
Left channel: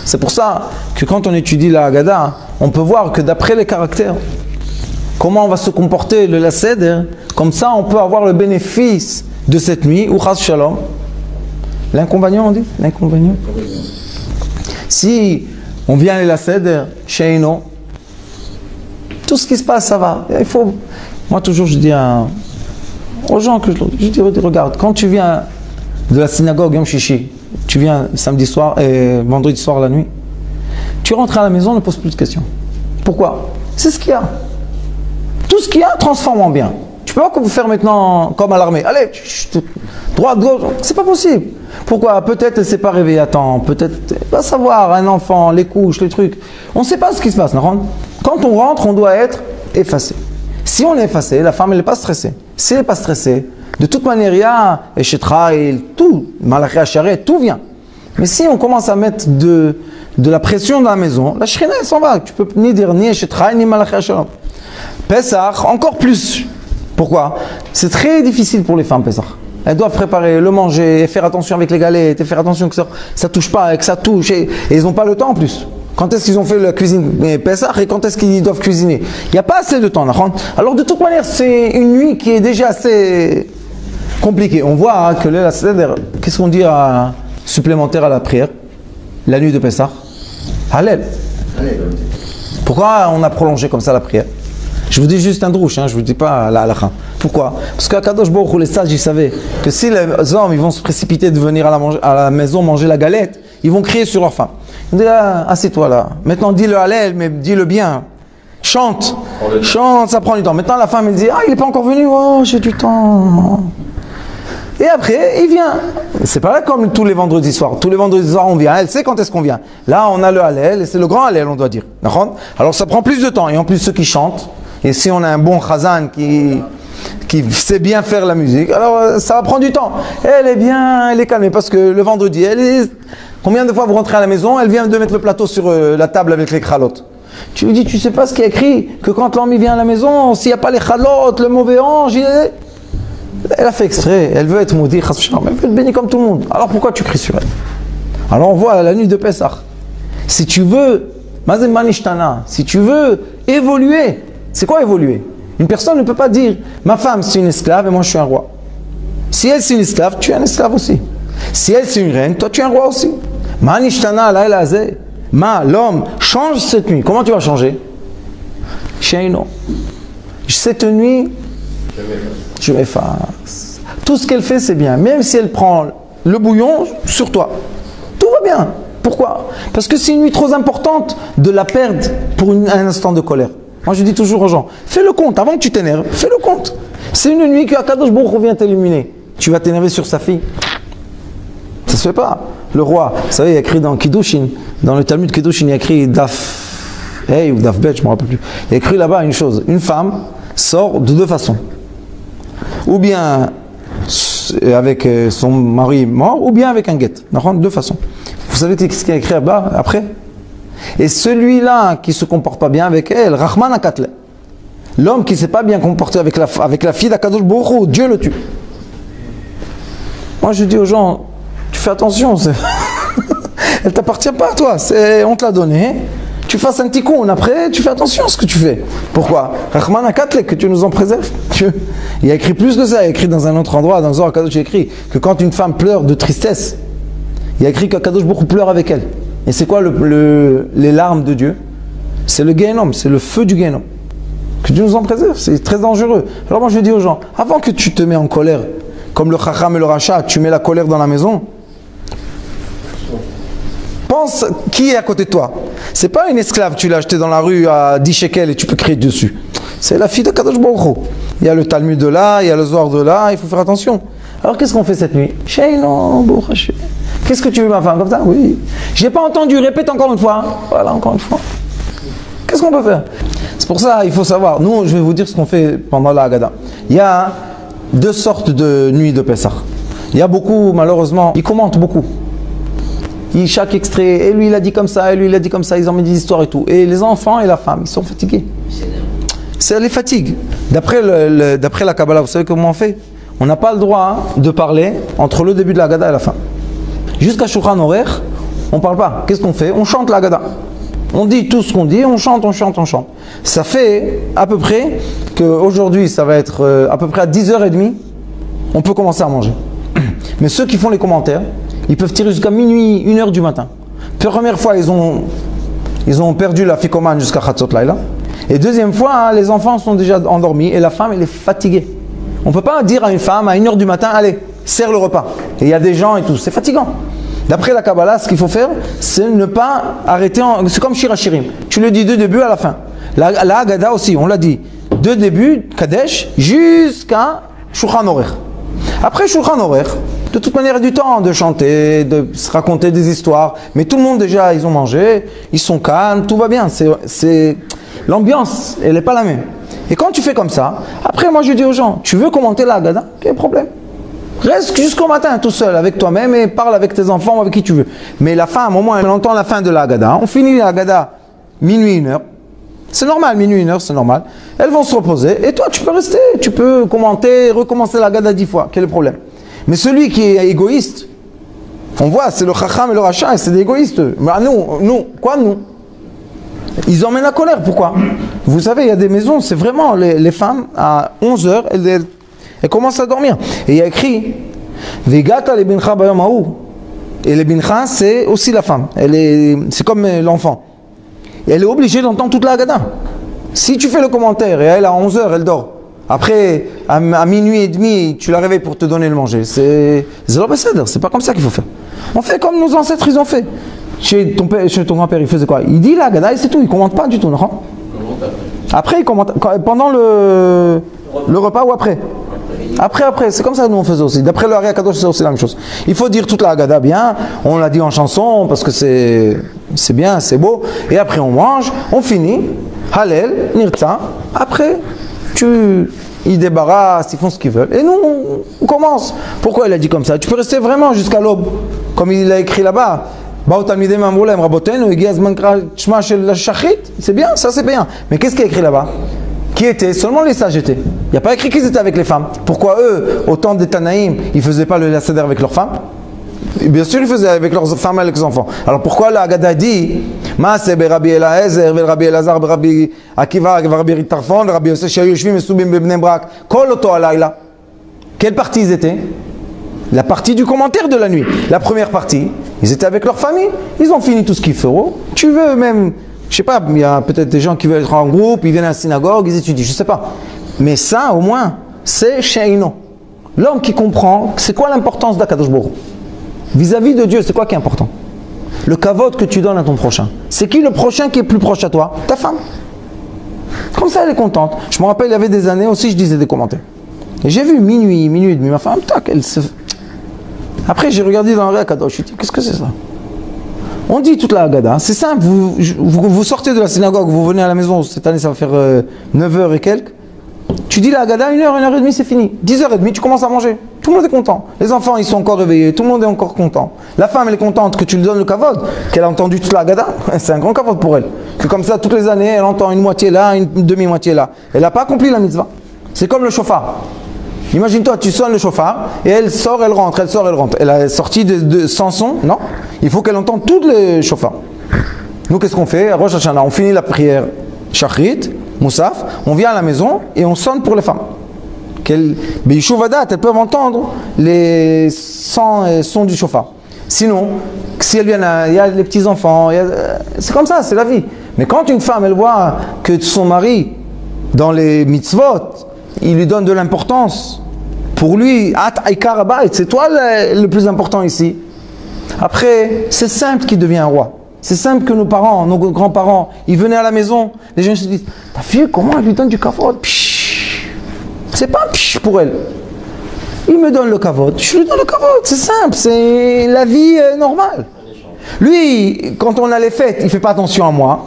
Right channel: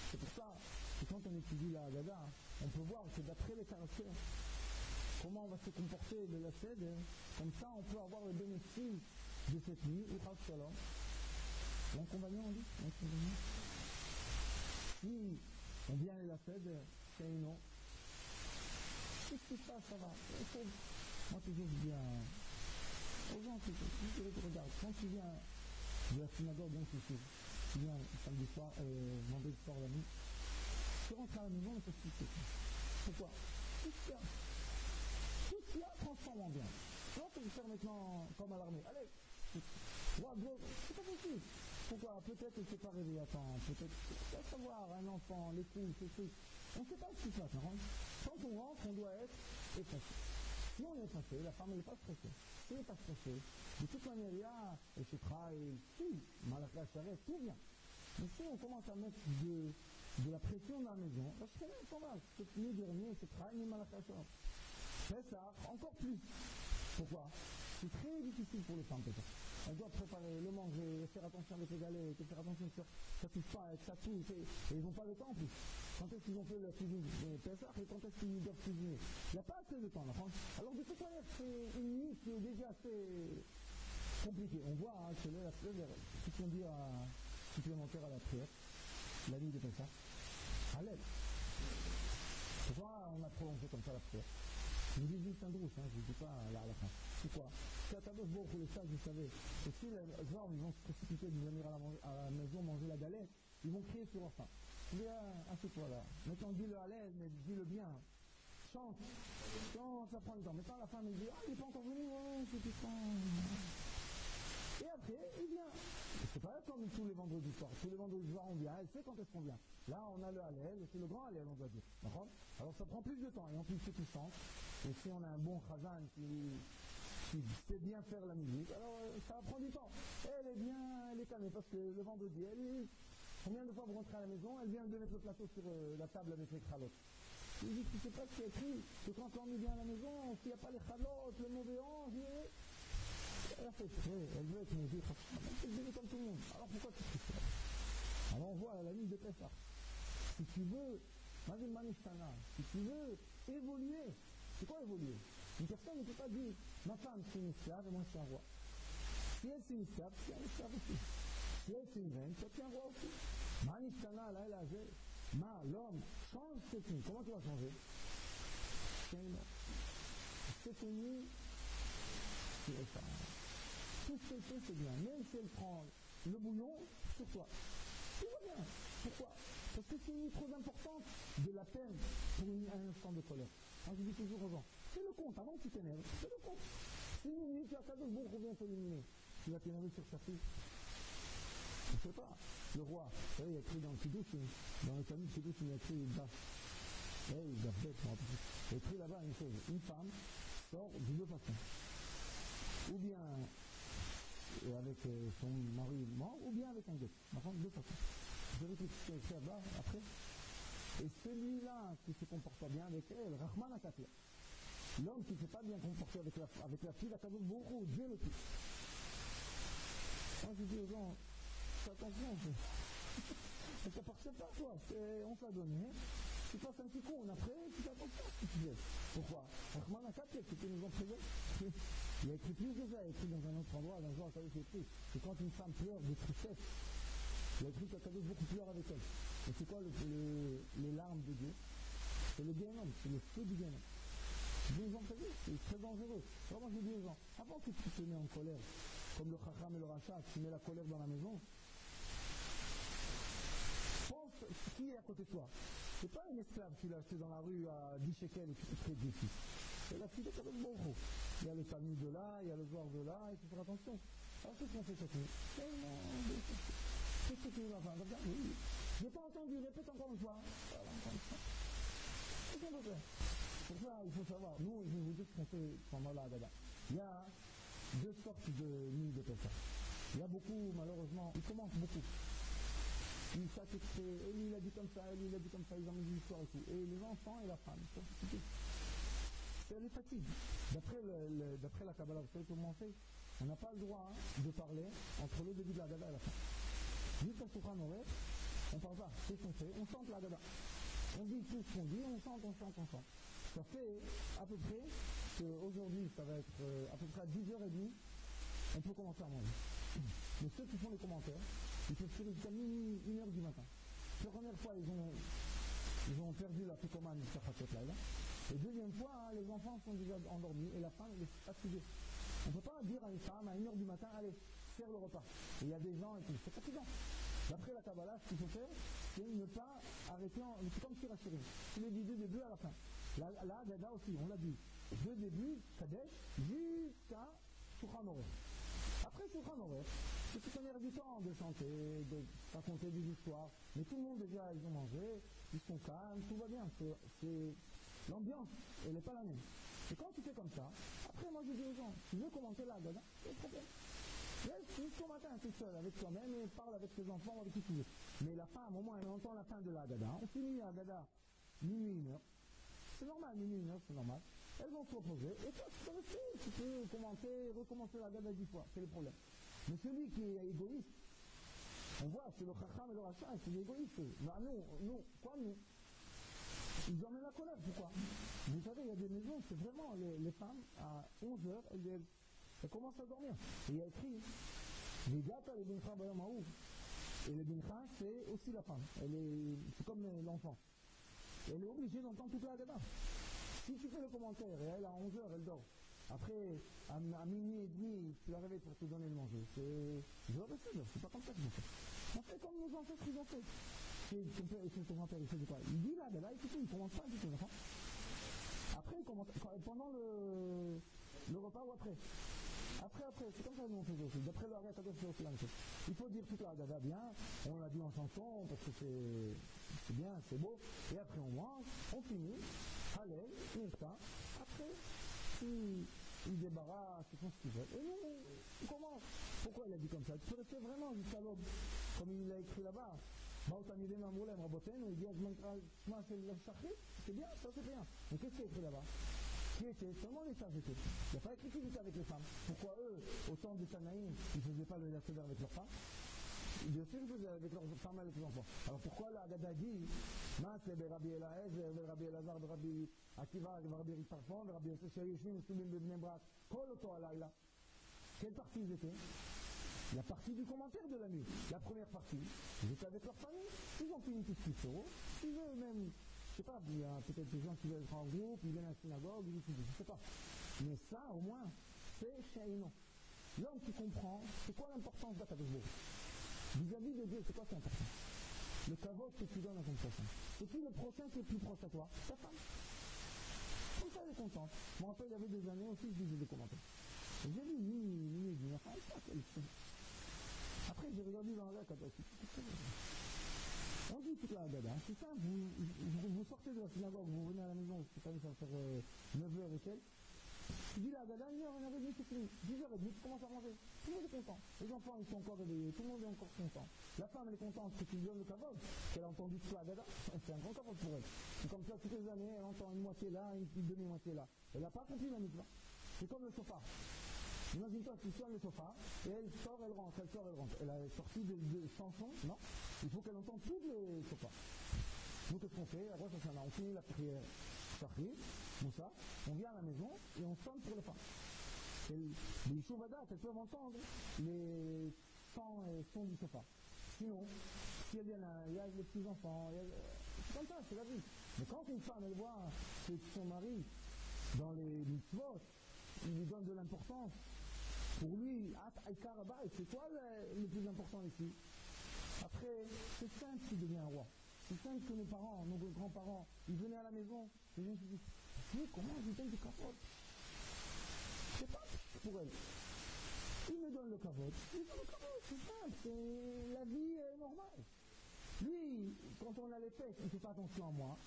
C'est pour ça que quand on étudie la Haggadah, on peut voir que d'après les caractères, comment on va se comporter le Seder, comme ça on peut avoir le bénéfice de cette nuit, ou Chas Shalom. L'inconvénient, on dit? L'inconvénient. Si on vient à Seder, Sheino, tout ce qui se passe, ça va. Il faut... Moi toujours je dis aux gens que je dis, regarde, quand tu viens de la synagogue Yom Shishi, tu viens samedi soir et vendredi soir la nuit, tu rentres à la maison, ne pose plus de questions. Pourquoi? C'est ce qu'il y a. Tout ce qu'il y a, transforme en bien. Tu peux pas vous faire maintenant comme à l'armée. Allez, droite, gauche, c'est pas possible. Pourquoi? Peut-être elle s'est pas réveillée à temps, peut-être, va savoir, un enfant, les couches, les trucs. On ne sait pas ce qui se passe, non? Quand on rentre, on doit être effacé. Si on est effacé, la femme, elle n'est pas stressée. Si elle n'est pas stressée, de toute manière, il y a Eshetra et tout, Malachi Hacharet, tout vient. Mais si on commence à mettre de la pression dans la maison, la Shrina elle s'en va. Tu peux ni dire ni Eshetra ni Malachi Shalom. Pessah, encore plus. Pourquoi? C'est très difficile pour les femmes, Pessah. Elles doivent préparer, le manger, et faire attention avec les galettes, et faire attention que ça ne touche pas, que ça touche. Et ils n'ont pas le temps en plus. Quand est-ce qu'ils ont fait la cuisine Pessah et quand est-ce qu'ils doivent cuisiner? Il n'y a pas assez de temps. Alors de toute manière, c'est une nuit qui est déjà assez compliquée. On voit hein, que là, qu'est-ce qu'on dit supplémentaire à la prière? La nuit de Pessah? Hallel. Pourquoi on a prolongé comme ça la prière? Je vous dis juste un drouche, hein, je ne vous dis pas la halakha. Pourquoi? Parce qu'à Kadosh Baruch Hu, les sages, ils savaient que si les hommes ils vont se précipiter de venir à la maison manger la galette, ils vont crier sur leur femme. Ils disent, ah, assieds-toi là. Maintenant, dis le Hallel, mais dis-le bien. Chante. Chante, ça prend du temps. Maintenant, la femme, elle dit, ah, il n'est pas encore venu. Oh, j'ai du temps. Et après, il vient. C'est pas là comme tous les vendredis soirs. Tous les vendredis soirs, on vient. Elle sait quand est-ce qu'on vient. Là, on a le Hallel, et c'est le grand Hallel, on doit dire. Alors, ça prend plus de temps. Et en plus, ceux qui chantent, et si on a un bon chazan qui sait bien faire la musique, alors ça va prendre du temps. Elle est bien, elle est calmée, parce que le vendredi, combien de fois vous rentrez à la maison, elle vient de mettre le plateau sur la table avec les kralotes. Tu lui dis, tu sais pas ce qui est écrit, que quand l'homme vient à la maison, s'il n'y a pas les kralotes, le mauvais ange, elle a fait exprès, elle veut être maudite, elle veut être bénie comme tout le monde. Alors pourquoi tu cries sur elle? Alors on voit la nuit de Pessah. Si tu veux, Mazem Manishtana, si tu veux évoluer, c'est quoi évoluer? Une personne ne peut pas dire, ma femme c'est une esclave et moi je suis un roi. Si elle c'est une esclave, tu es un esclave aussi. Si elle c'est une reine, toi tu es un roi aussi. Manishtana la elazé. L'homme change cette nuit. Comment tu vas changer? Sheino. Cette nuit, je m'efface. Tout ce qu'elle fait, c'est bien. Même si elle prend le bouillon sur toi, tout va bien. Pourquoi? Parce que c'est une nuit trop importante de la perdre pour un instant de colère. Moi, je dis toujours aux gens, fais le compte. Avant que tu t'énerves, fais le compte. C'est une nuit que Akadosh Baruch Hu vient t'illuminer. Tu vas t'énerver sur sa fille? Ça se fait pas. Le roi, vous savez, il y a écrit dans Kiddushin, dans le Talmud Kiddushin, il y a écrit Daf Hey ou Daf Bet, je ne me rappelle plus. Il y a écrit là-bas une chose. Une femme sort de deux façons. Ou bien avec son mari mort, ou bien avec un guet. Deux façons. Vous savez ce qu'il y a écrit là-bas après? Et celui-là qui ne se comporte pas bien avec elle, Rahman Akatle. L'homme qui ne s'est pas bien comporté avec la fille d'Akadosh Baruch Hu, Dieu le tue. Moi je dis aux gens, tu fais attention, elle ne t'appartient pas à toi, on te l'a donné. Tu fasses un tikkun, après tu fais attention à ce que tu fais. Pourquoi? Rahman Akatle, que tu nous en préserves. Il y a écrit plus que ça, il y a écrit dans un autre endroit, dans Zohar Kadosh, il y a écrit que quand une femme pleure de tristesse, il y a écrit qu'Akadosh Baruch Hu pleure avec elle. Et c'est quoi les larmes de Dieu? C'est le Gehenom, c'est le feu du Gehenom. Que Dieu nous en préserve, c'est très dangereux. Alors moi je dis aux gens, avant que tu te mets en colère, comme le Chacham et le Racha, tu mets la colère dans la maison, pense qui est à côté de toi. C'est pas une esclave, tu l'as achetée dans la rue à 10 shekels et tu peux crier dessus. C'est la fille de Kadosh Baruch Hu. Il y a le Talmud de là, il y a le Zohar de là, il faut faire attention. Alors qu'est-ce qu'on fait cette nuit? Sheino, Baruch. Qu'est-ce que tu veux ma femme comme ça? Oui. Je n'ai pas entendu, répète encore une fois. Voilà, encore une fois. Qu'est-ce qu'on peut faire? C'est pour ça, il faut savoir. Nous, je vais vous dire ce qu'on fait pendant la Haggadah. Il y a deux sortes de nuits de Pessah. Il y a beaucoup, malheureusement, ils commentent beaucoup. Chaque extrait, et lui il a dit comme ça, et lui il a dit comme ça, ils ont mis des histoires et tout. Et les enfants et la femme, ils sont fatigués. Ça les fatigue. D'après la Kabbalah, vous savez comment on fait? On n'a pas le droit de parler entre le début de la Haggadah et la fin. Jusqu'à Shulchan Aruch, on ne parle pas. Qu'est-ce qu'on fait? On chante la Haggadah. On dit tout ce qu'on dit, on chante, on chante, on chante. Ça fait à peu près qu'aujourd'hui, ça va être à peu près à 10h30, on peut commencer à manger. Mais ceux qui font les commentaires, ils peuvent tirer jusqu'à minuit, 1h du matin. Première fois, ils ont perdu la ficomane jusqu'à Chatzot Laila. Et deuxième fois, hein, les enfants sont déjà endormis et la femme, elle est fatiguée. On ne peut pas dire à une femme à 1h du matin, allez, sers le repas. Et il y a des gens et tout, c'est fatigant. D'après la Kabbalah, ce qu'il faut faire, c'est ne pas arrêter, c'est comme Shir Hashirim. Tu le dis de début à la fin. La Haggadah aussi, on l'a dit, de début, Kadesh, jusqu'à Shulchan Aruch. Après Shulchan Aruch, de toute manière, il y a du temps de chanter, de se raconter des histoires. Mais tout le monde déjà, ils ont mangé, ils sont calmes, tout va bien. L'ambiance, elle n'est pas la même. Et quand tu fais comme ça, après moi je dis aux gens, tu veux commenter la Haggadah? Quel problème? Reste jusqu'au matin tout seul avec toi-même et parle avec tes enfants ou avec qui tu veux. Mais la femme, au moins, elle entend la fin de la Haggadah. On finit la Haggadah minuit, 1h. C'est normal, minuit, 1h, c'est normal. Elles vont se reposer et toi, tu peux rester. Tu peux commenter, recommencer la Haggadah 10 fois. Quel est le problème? Mais celui qui est égoïste, on voit, c'est le Chacham et le Racha, c'est des égoïstes. Mais nous, quoi nous? Ils emmènent la colère, pourquoi? Vous savez, il y a des maisons, c'est vraiment les femmes, à 11h, elles commencent à dormir. Et il y a écrit, Vegata le bincha bayom haou. Et le bincha, c'est aussi la femme. C'est comme l'enfant. Et elle est obligée d'entendre toute la Haggadah. Si tu fais le commentaire et elle, à 11h, elle dort. Après, à minuit et demi, tu la réveilles pour te donner le manger. C'est pas comme ça qu'il faut faire. On fait comme nos ancêtres, ils ont fait. Chez ton grand-père, il faisait quoi? Il dit la Haggadah et c'est tout, il ne commente pas du tout, non? Après, il commente. Pendant le repas ou après? Après, c'est comme ça que nous on faisait aussi. D'après le Ari Akadosh, c'est aussi la même chose. Il faut dire toute la Haggadah bien, on l'a dit en chanson parce que c'est bien, c'est beau. Et après on mange, on finit, Hallel, Nirtza. Après, ils débarrassent, ils font ce qu'ils veulent. Et nous, on commence. Pourquoi il a dit comme ça? Tu peux rester vraiment jusqu'à l'aube, comme il a écrit là-bas. C'est bien, ça c'est bien. Mais qu'est-ce qu'il a écrit là-bas? Qui était? Seulement les sages étaient. Il n'y a pas écrit qu'ils étaient avec les femmes. Pourquoi eux, au temps des Tanaïm, ils ne faisaient pas le Seder avec leurs femmes? Et bien sûr, ils faisaient avec leurs femmes et avec leurs enfants. Alors pourquoi la Haggadah dit Maaseh Rabbi Eliezer, Rabbi Elazar, Rabbi Akiva, Rabbi Tarfon, Rabbi Yosef, Shayu Yoshvim et Soubim Bebnei Brak, Kol Oto Alayla. Quelle partie ils étaient? La partie du commentaire de la nuit. La première partie, ils étaient avec leur famille. Ils ont fini tout ce qu'il faut. Tu veux même, je sais pas, il y a peut-être des gens qui veulent être en groupe, ils viennent à la synagogue, ils étudient, je sais pas. Mais ça, au moins, c'est Sheino. L'homme qui comprend, c'est quoi l'importance d'Akadosh Baruch Hu? Vis-à-vis de Dieu, c'est quoi qui est important? Le kavod que tu donnes à ton prochain. C'est qui le prochain qui est plus proche à toi? Ta femme. Comme ça, elle est contente. Je me rappelle, il y avait des années aussi, je disais des commentaires. Et j'ai vu minuit et demi, ma femme, tac, elle se... Après, j'ai regardé dans le Ari Akadosh, je me suis dit, qu'est-ce que c'est ça? On dit toute la Haggadah, c'est simple, vous sortez de la synagogue, vous venez à la maison, cette année ça va faire 9h et quelques. Tu dis la Haggadah, 1h30, c'est fini. 10h30, tu commences à manger. Tout le monde est content. Les enfants, ils sont encore réveillés, tout le monde est encore content. La femme, elle est contente que tu lui donnes le kavod, qu'elle a entendu toute la Haggadah. C'est un grand kavod pour elle. Que comme ça, toutes les années, elle entend une moitié là, une demi-moitié là. Elle n'a pas accompli la mitzvah. C'est comme le chauffard. Imagine-toi, tu sonnes le chauffard et elle sort, elle rentre, elle sort, elle rentre. Elle a sorti sans son, non? Il faut qu'elle entende tous les chauffards. Nous, qu'est-ce qu'on fait? À Rosh Hashanah, on finit la prière Shachrit, Moussaf, on vient à la maison et on sonne pour les femmes. B'yishuvadat, elles peuvent entendre les sons du chauffard. Sinon, si elles viennent, il y a les petits-enfants, c'est comme ça, c'est la vie. Mais quand une femme, elle voit que son mari, dans les mitzvot, il lui donne de l'importance. Pour lui, c'est toi le plus important ici. Après, c'est simple qu'il devient un roi. C'est simple que nos parents, nos grands-parents, ils venaient à la maison, les gens se disent, ta fille, comment elle lui donne du kavod? C'est pas psh pour elle. Il me donne le kavod, je lui donne le kavod, c'est simple, c'est la vie normale. Lui, quand on a les fêtes, il ne fait pas attention à moi.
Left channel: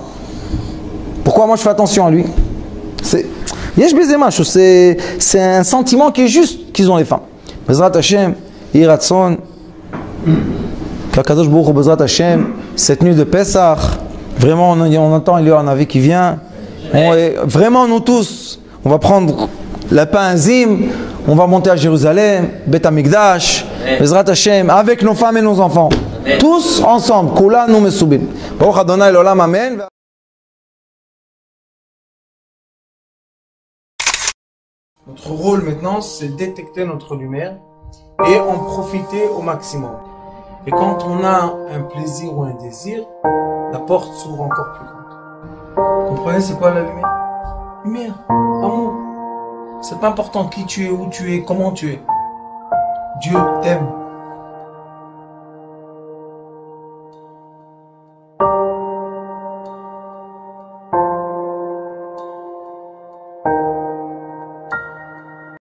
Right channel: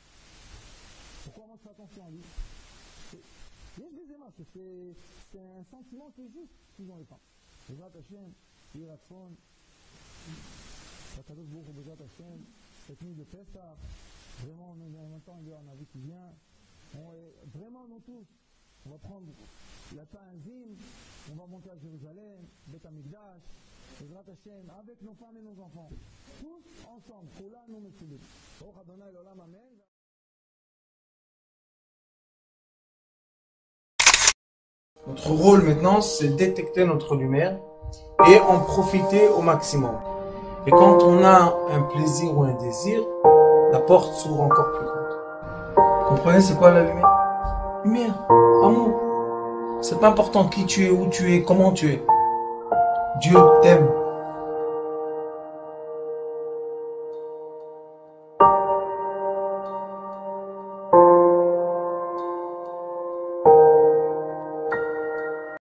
Pourquoi moi je fais attention à lui? C'est un sentiment qui est juste qu'ils ont les femmes. Bezrat Hashem, Yiratson, Kakadosh Baruch Hu, Bezrat Hashem, cette nuit de Pessah, vraiment on entend, il y a un avis qui vient. Vraiment nous tous, on va prendre le pain Zim, on va monter à Jérusalem, Bet Amikdash, Bezrat Hashem, avec nos femmes et nos enfants. Tous ensemble, Kula nous mesubim. Baruch Adonai l'olam, Amen. Notre rôle maintenant, c'est détecter notre lumière et en profiter au maximum. Et quand on a un plaisir ou un désir, la porte s'ouvre encore plus grande. Vous comprenez, c'est quoi la lumière? Lumière, amour. C'est pas important qui tu es, où tu es, comment tu es. Dieu t'aime.